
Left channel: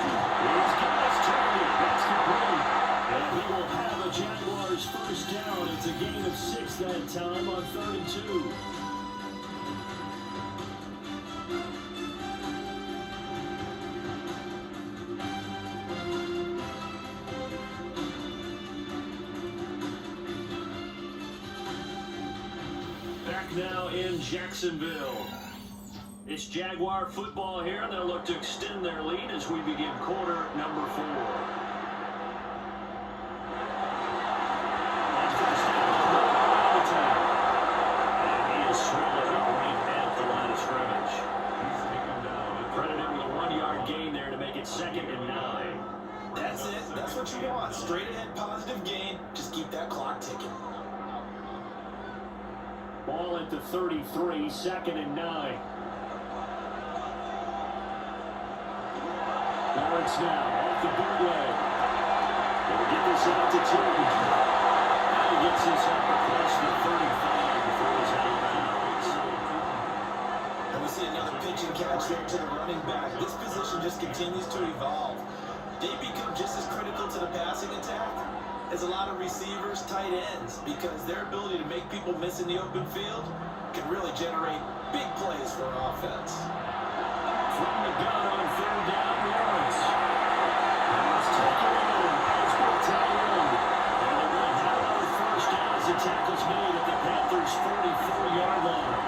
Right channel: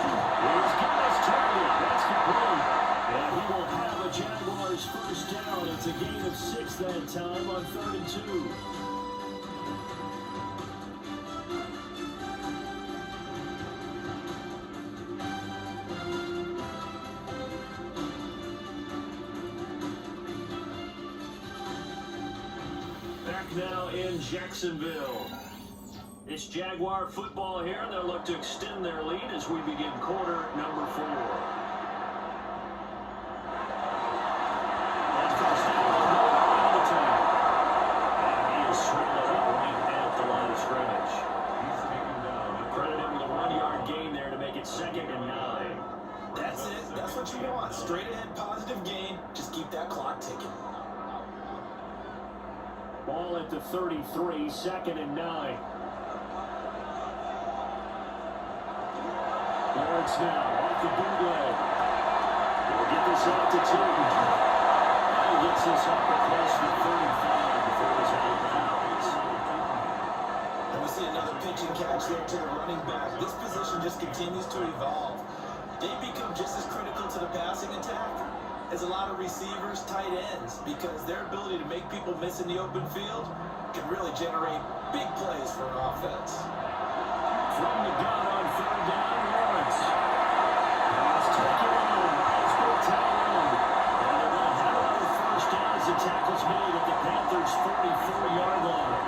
He's got his target. That's complete. And he will have the Jaguars' 1st down. It's a gain of 6 that time on 3rd and 2. Back now in Jacksonville. It's Jaguar football here, and they'll look to extend their lead as we begin quarter number 4. And first down, on the 10. And he is swallowed up right at the line of scrimmage. He's taken down. Credit him with a 1-yard gain there to make it 2nd and 9. That's it. That's what you want. Straight ahead, positive gain. Just keep that clock ticking. Ball at the 33, 2nd and 9. Lawrence now off the bootleg. They'll get this out to 2. he gets this up across the 35 before he's out of bounds. And we see another pitch and catch there to the running back. This position just continues to evolve. They become just as critical to the passing attack as a lot of receivers, tight ends, because their ability to make people miss in the open field can really generate big plays for an offense. From the gun on third down, Lawrence. Let's take it in. Let's go tight end. And they're going to have another first down as the tackle's made at the Panthers' 44-yard line.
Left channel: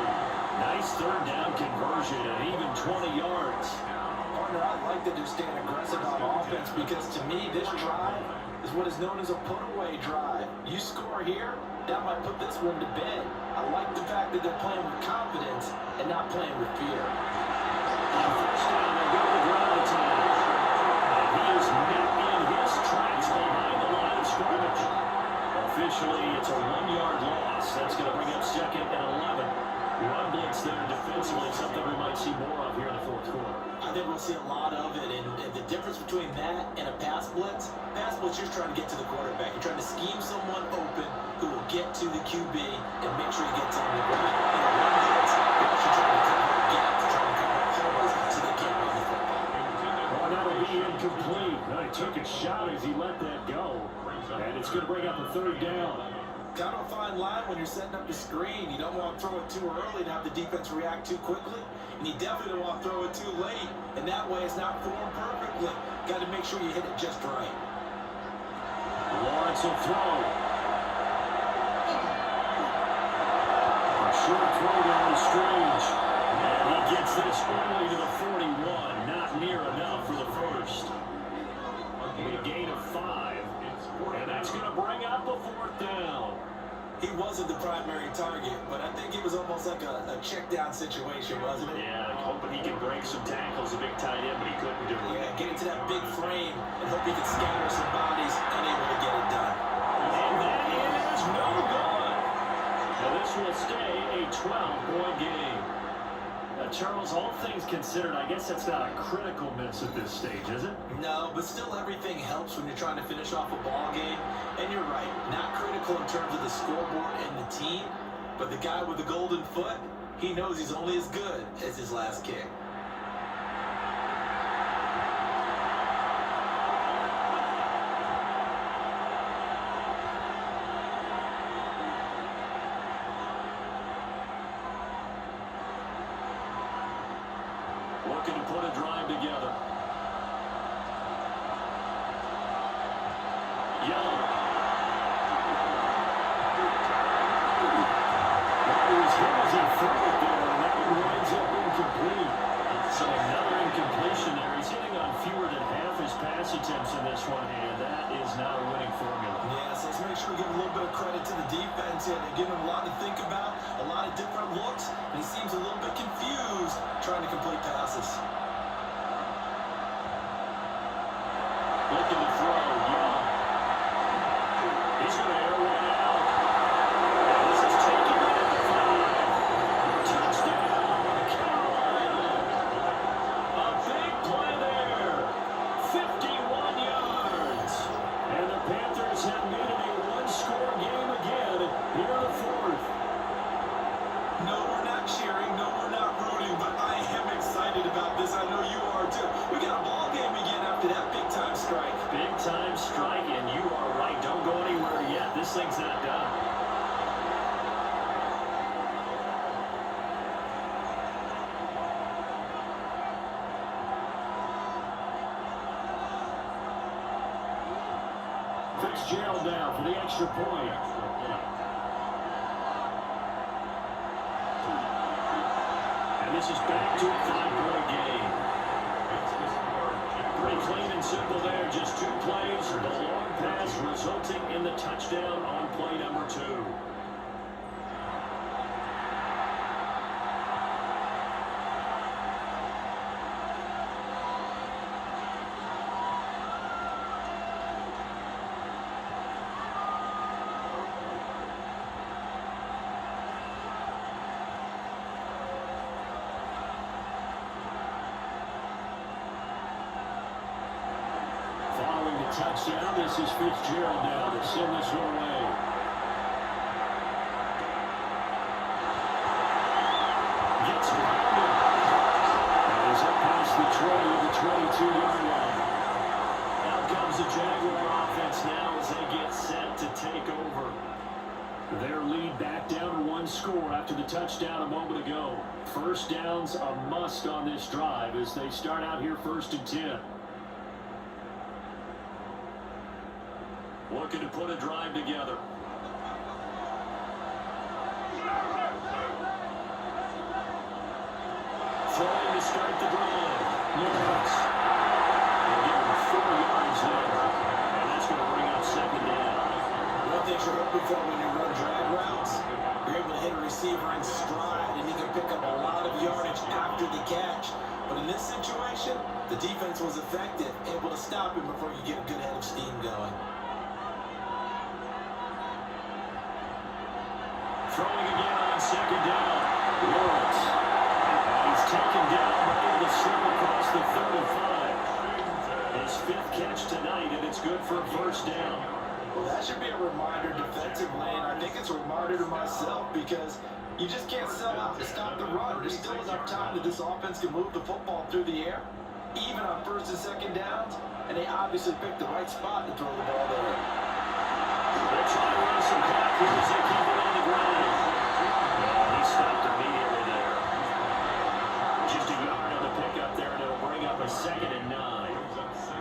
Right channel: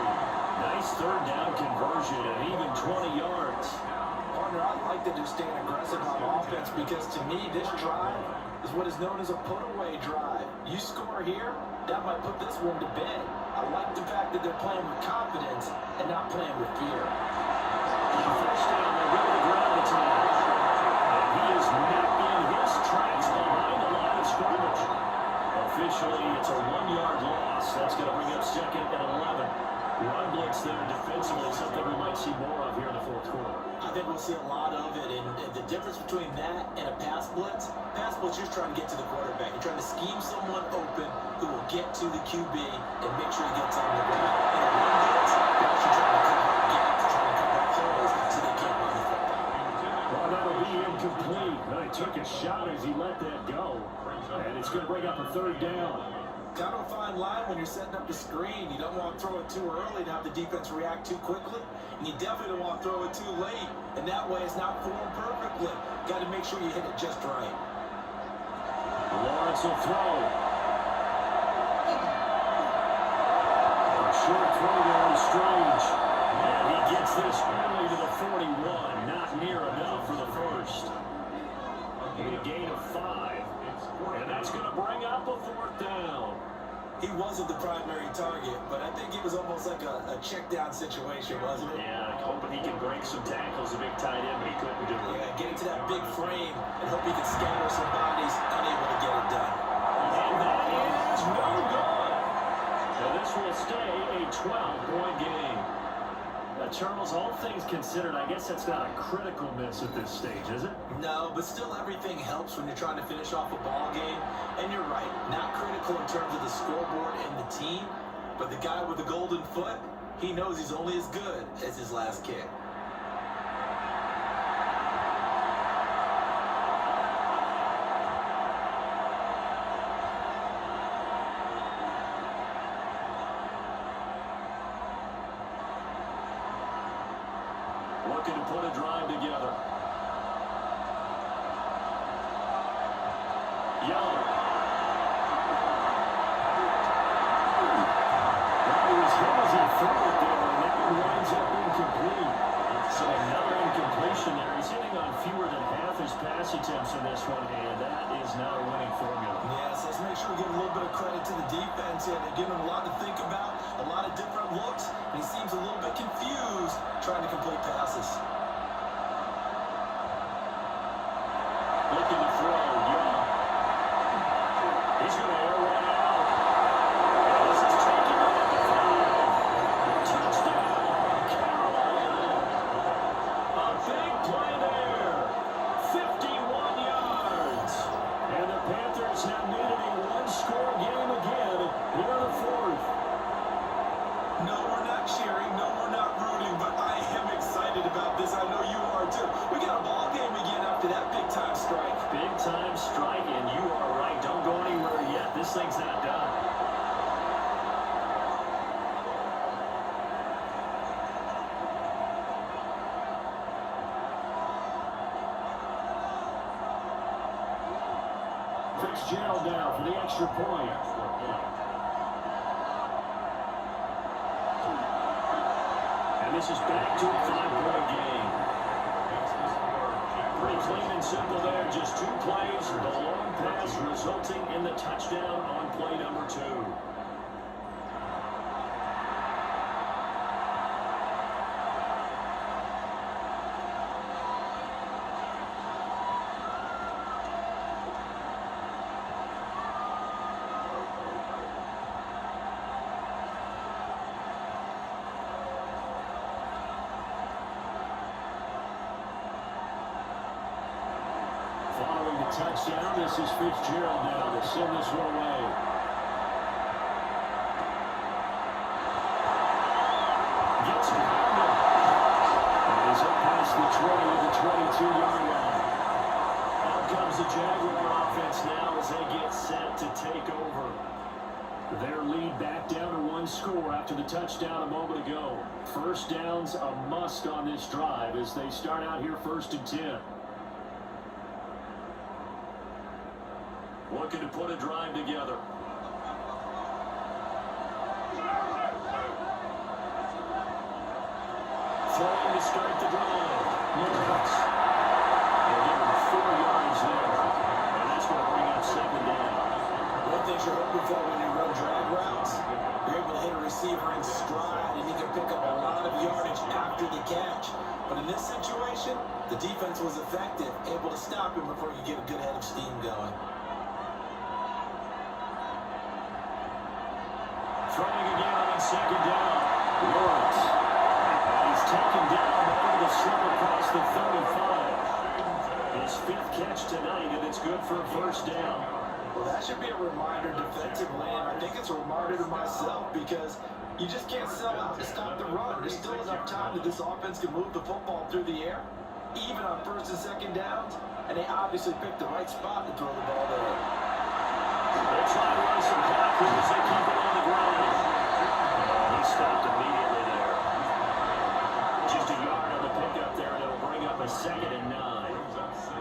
Nice third down conversion and even 20 yards. Partner, I like that they're staying aggressive on offense because to me, this drive is what is known as a put-away drive. You score here, that might put this one to bed. I like the fact that they're playing with confidence and not playing with fear. On first down, they'll go to the ground attack. And he is met in his tracks behind the line of scrimmage. Officially, it's a 1-yard loss. That's going to bring up second and 11. Run blitz there defensively, something we might see more of here in the fourth quarter. I think we'll see a lot of it, and the difference between that and a pass blitz, you're trying to get to the quarterback. You're trying to scheme someone open who will get to the QB and make sure he gets on the ground. In a run blitz, you're actually trying to cover gaps, trying to cover holes so they can't run the football. Well, that'll be incomplete. He took a shot as he let that go, and it's going to bring up a third down. Kind of a fine line when you're setting up the screen. You don't want to throw it too early and have the defense react too quickly. And you definitely don't want to throw it too late. And that way it's not formed perfectly. Got to make sure you hit it just right. Lawrence will throw. A short throw down Strange. And he gets this early to the 41. Not near enough for the first. It'll be a gain of 5. And that's going to bring up a fourth down. He wasn't the primary target, but I think it was almost like a check-down situation, wasn't it? Yeah, hoping he can break some tackles, a big tight end, but he couldn't do it. Yeah, get into that big frame and hope he can scatter some bodies, unable to get it done. And that is no good. So this will stay a 12-point game. Charles, all things considered, I guess that's not a critical miss at this stage, is it? No, but still everything helps when you're trying to finish off a ball game. And you're right, not critical in terms of the scoreboard and the team, but the guy with the golden foot, he knows he's only as good as his last kick. Looking to put a drive together. Young. He was hit as he threw it there, and that one winds up incomplete. So another incompletion there. He's hitting on fewer than half his pass attempts in this one, and that is not a winning formula. Yeah, so let's make sure we give a little bit of credit to the defense here. They're giving him a lot to think about, a lot of different looks, and he seems a little bit confused trying to complete passes. Looking to throw, Young. He's going to air one out. And this is taken right at the 5. Touchdown, Carolina. A big play there. 51 yards. And the Panthers have made it a one-score game again here in the fourth. No, we're not cheering. No, we're not rooting, but I am excited about this. I know you are too. We got a ball game again after that big-time strike. Big-time strike, and you are right. Don't go anywhere yet. This thing's not done. Fitzgerald now for the extra point. And this is back to a 5-point game. Pretty clean and simple there. Just 2 plays. The long pass resulting in the touchdown on play number 2. Following the touchdown, this is Fitzgerald now to send this one away. ready at the 22-yard line. Out comes the Jaguar offense now as they get set to take over. Their lead back down to one score after the touchdown a moment ago. First down's a must on this drive as they start out here 1st and 10. Looking to put a drive together. Throwing to start the drive. Lawrence. They'll give him 4 yards there. And that's going to bring up 2nd down. One thing you're hoping for when you run drag routes, you're able to hit a receiver in stride and he can pick up a lot of yardage after the catch. But in this situation, the defense was effective, able to stop him before you get a good head of steam going. Throwing again on 2nd down. Lawrence. He's taken down over the slip across the 35. His 5th catch tonight, and it's good for a 1st down. Well, that should be a reminder defensively, and I think it's a reminder to myself because you just can't sell out to stop the run. There's still enough time that this offense can move the football through the air, even on 1st and 2nd downs, and they obviously picked the right spot to throw the ball there. They'll try to run some clock here as they keep it on the ground. He stopped immediately there. Just a yard on the pickup there, and it'll bring up a 2nd and 9.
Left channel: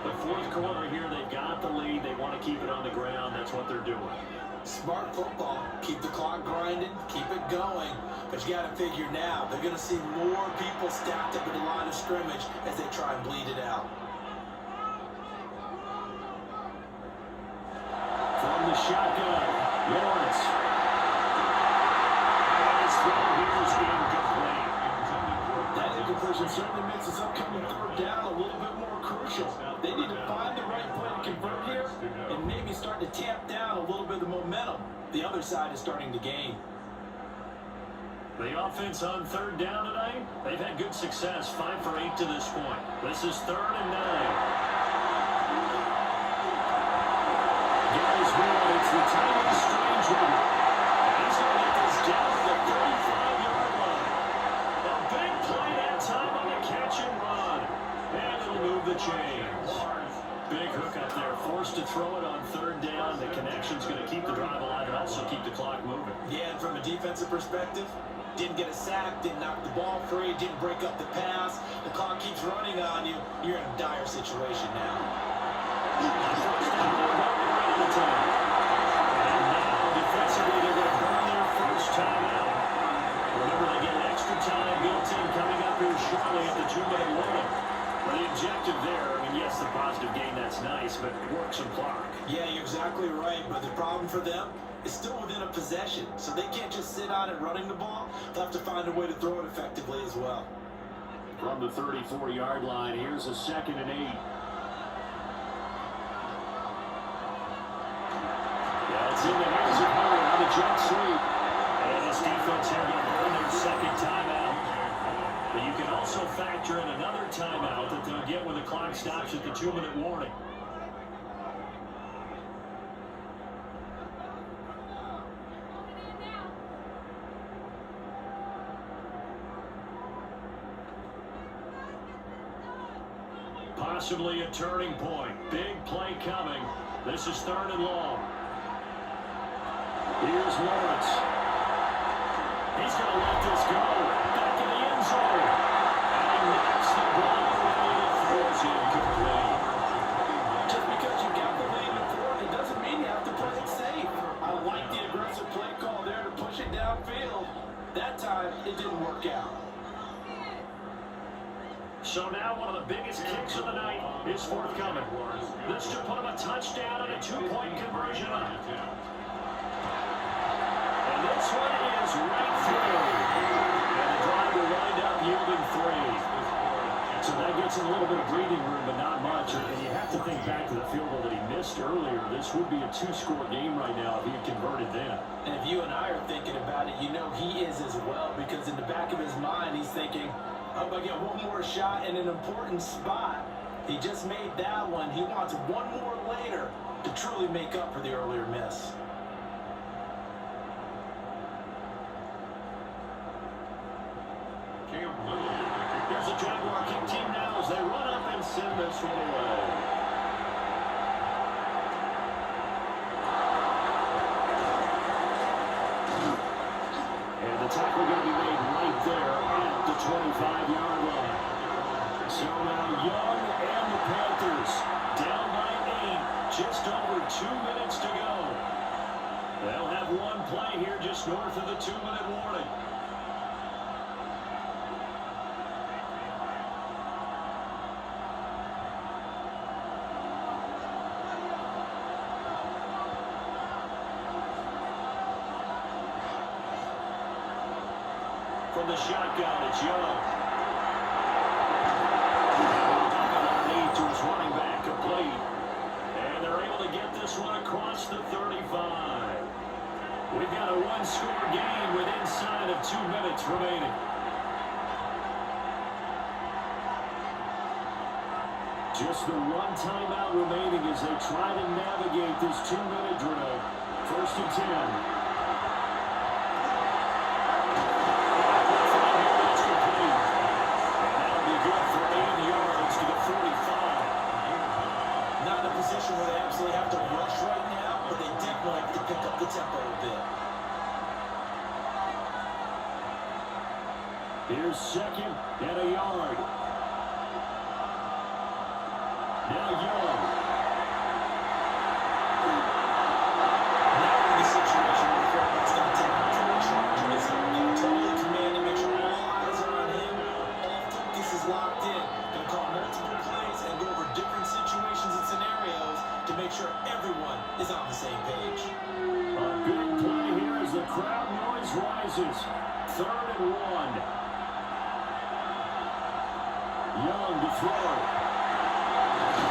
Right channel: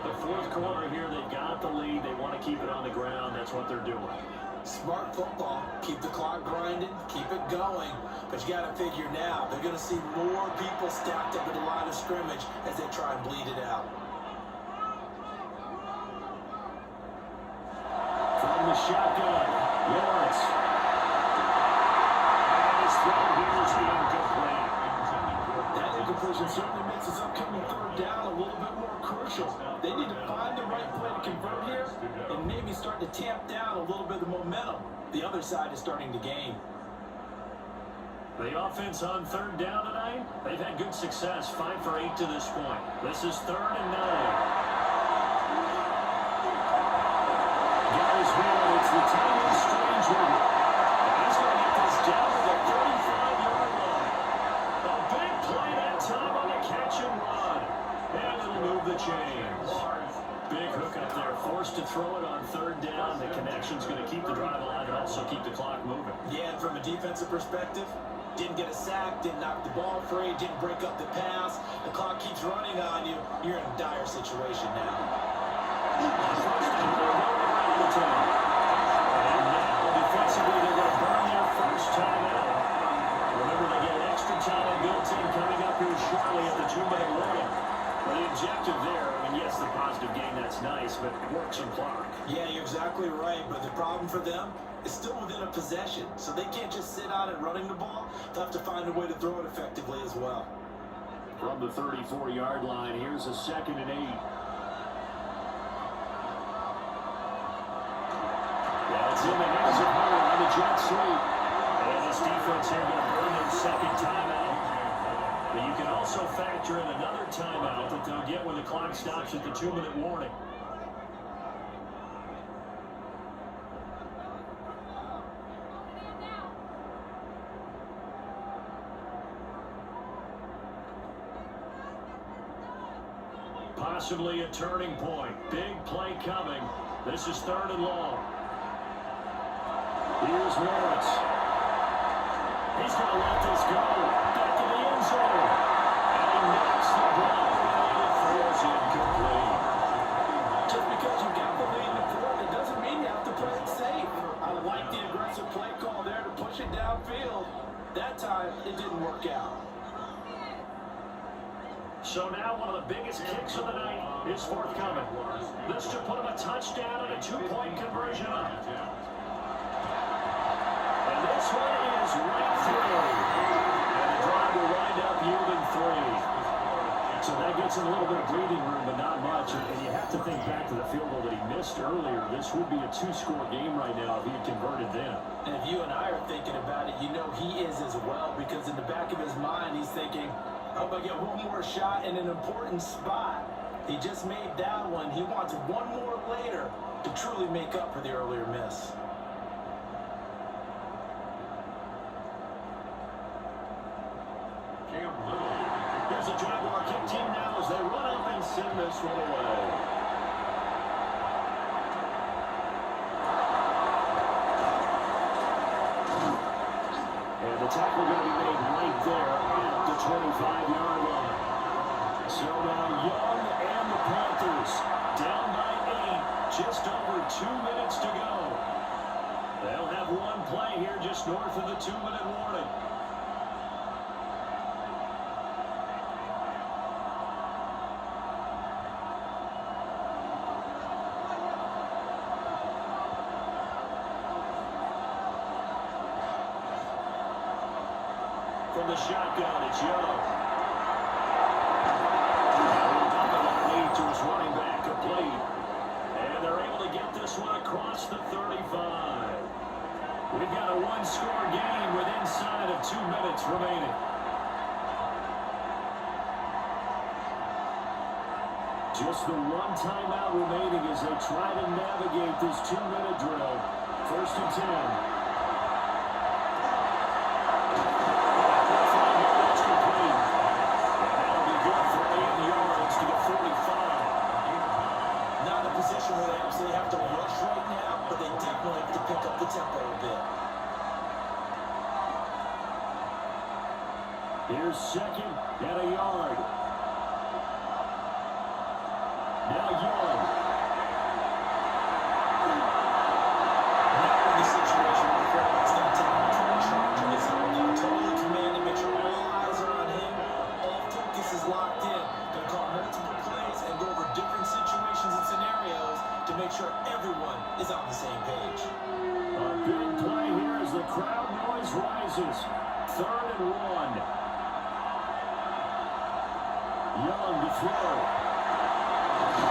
The 4th quarter here, they've got the lead. They want to keep it on the ground. That's what they're doing. Smart football. Keep the clock grinding. Keep it going. But you got to figure now, they're going to see more people stacked up in the line of scrimmage as they try and bleed it out. From the shotgun, Lawrence. And his throw here is incomplete. That incompletion certainly makes this upcoming 3rd down a little bit more crucial. They need to find the right play to convert here and maybe start to tamp down a little bit of the momentum. The other side is starting to gain. The offense on 3rd down tonight, they've had good success, 5 for 8 to this point. This is 3rd and 9. Guys, well, it's the Tyler Strange rule. And he's going to get this down to the 35-yard line. A big play that time on the catch and run. And it'll move the chains. Big hook up there, forced to throw it on 3rd down. The connection's going to keep the drive alive and also keep the clock moving. Yeah, and from a defensive perspective, didn't get a sack, didn't knock the ball free, didn't break up the pass. The clock keeps running on you. You're in a dire situation now. First down, they're going right at the time. And now, defensively, they're going to burn their first timeout. Remember, they get extra time built in coming up here shortly at the 2-minute warning. But the objective there, I mean, yes, the positive gain, that's nice, but work some clock. Yeah, you're exactly right, but the problem for them is still within a possession, so they can't just sit on it running the ball. They'll have to find a way to throw it effectively as well. From the 34-yard line, here's a 2nd and 8. Well, it's in the hands of Howard on the jet sweep. And this defense here going to earn their 2nd timeout. But you can also factor in another timeout that they'll get when the clock stops at the 2-minute warning. Possibly a turning point. Big play coming. This is 3rd and long. Here's Lawrence. He's going to let this go. Back in the end zone. And he knocks the ball away. It throws incomplete. Just because you got the lead in the 4th, it doesn't mean you have to play it safe. I like the aggressive play call there to push it downfield. That time, it didn't work out. So now one of the biggest kicks of the night is forthcoming. This to put him a touchdown and a 2-point conversion up. And this one is right through. And the drive will wind up yielding 3. So that gets him a little bit of breathing room, but not much. And you have to think back to the field goal that he missed earlier. This would be a 2-score game right now if he had converted then. And if you and I are thinking about it, you know he is as well, because in the back of his mind, he's thinking, I hope I get one more shot in an important spot. He just made that one. He wants one more later to truly make up for the earlier miss. Here's the Jaguar kick team now as they run up and send this one away. And the tackle going to be made right there at the 25-yard line. So now Young and the Panthers down by 8, just over 2 minutes to go. They'll have one play here just north of the 2-minute warning. From the shotgun, it's Young. To his running back, complete. And they're able to get this one across the 35. We've got a one-score game with inside of 2 minutes remaining. Just the one timeout remaining as they try to navigate this 2-minute drill. 1st and 10. Position where they absolutely have to rush right now, but they definitely have to pick up the tempo a bit. Here's 2nd and a yard. Now Young. Now in the situation where the quarterback's going to take full charge of his own game, totally commanding, make sure all eyes are on him, all focus is locked in. Going to call multiple plays and go over different situations and scenarios to make sure everyone is on the same page. A big play here as the crowd noise rises. 3rd and 1. Young to throw.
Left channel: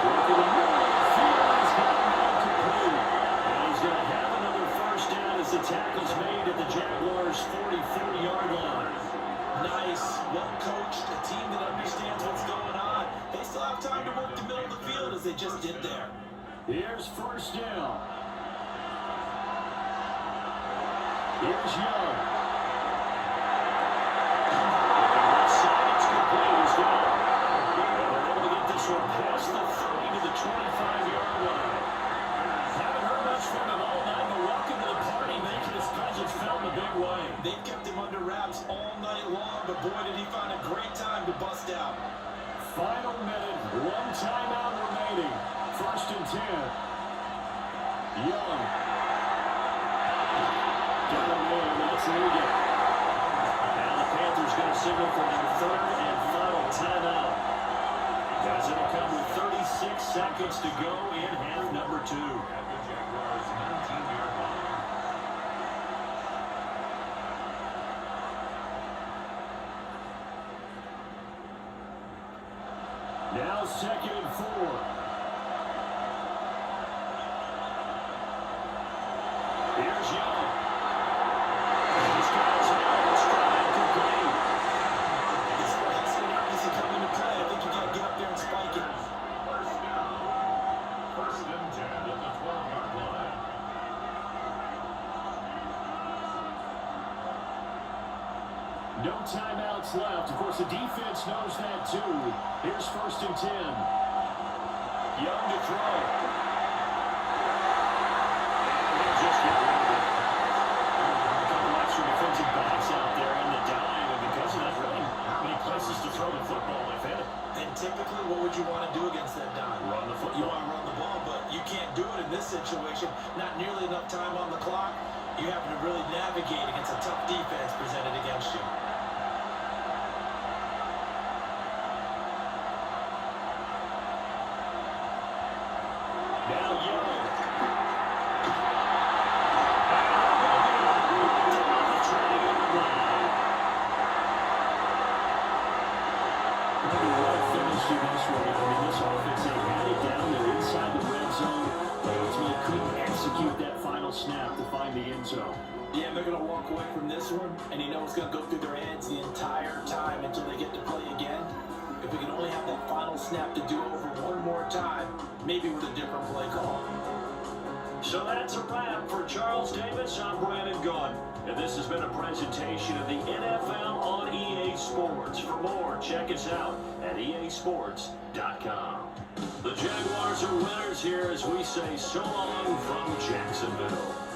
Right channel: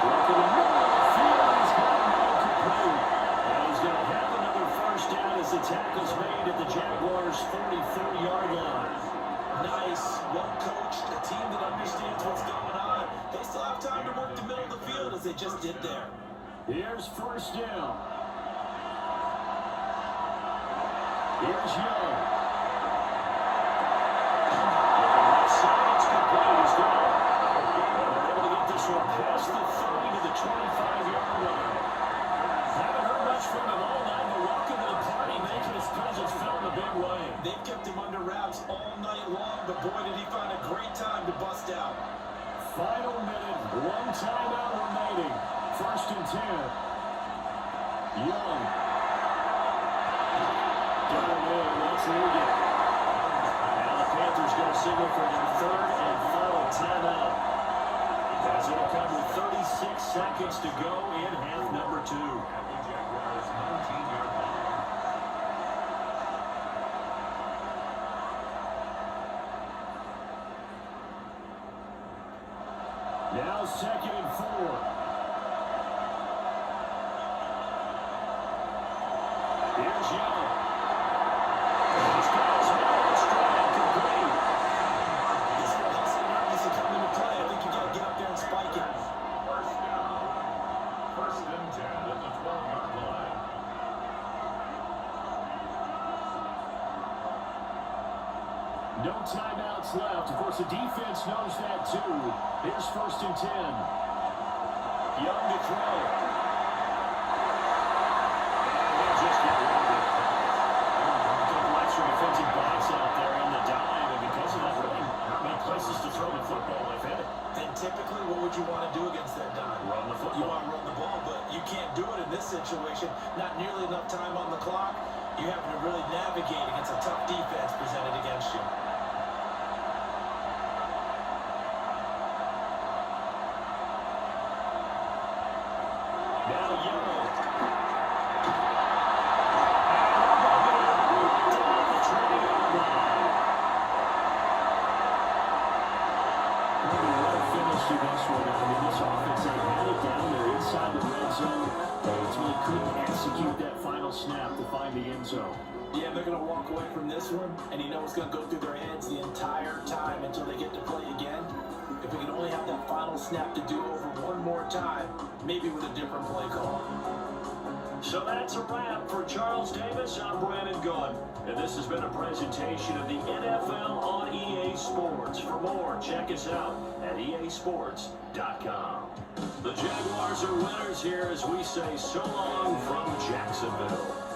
Working the middle of the field, he's got him complete. And he's going to have another 1st down as the tackle's made at the Jaguars' 44-yard line. Nice, well coached, a team that understands what's going on. They still have time to work the middle of the field as they just did there. Here's 1st down. Here's Young. Left side, it's complete. He's down. They're able to get this one past the 30 to the 25-yard line. Haven't heard much from him all night, but welcome to the party, making his presence felt in a big way. They've kept him under wraps all night long, but boy, did he find a great time to bust out. Final minute, one timeout remaining. 1st and 10. Young. Got him in. That's Egan. Now the Panthers going to signal for their 3rd and final timeout. As it'll come with 36 seconds to go in half number 2. At the Jaguars' 19-yard line. Now 2nd and 4. Here's Young. He's got his man stride complete. This is where hustling needs to come into play. I think you got to get up there and spike it. 1st down. 1st and 10 at the 12-yard line. No timeouts left. Of course, the defense knows that too. Here's 1st and 10. Young to throw. And he'll just get rid of it. A couple extra defensive backs out there in the dime, and because of that, really not many places to throw the football if hit it. And typically, what would you want to do against that dime? Run the football. You want to run the ball, but you can't do it in this situation. Not nearly enough time on the clock. You have to really navigate against a tough defense presented against you. Now Young. To this one. I mean, this offense, they had it down there inside the red zone, but ultimately couldn't execute that final snap to find the end zone. Yeah, they're going to walk away from this one, and you know it's going to go through their heads the entire time until they get to play again. If we can only have that final snap to do over one more time, maybe with a different play call. So that's a wrap for Charles Davis. I'm Brandon Gunn. And this has been a presentation of the NFL on EA Sports. For more, check us out at easports.com. The Jaguars are winners here as we say so long from Jacksonville.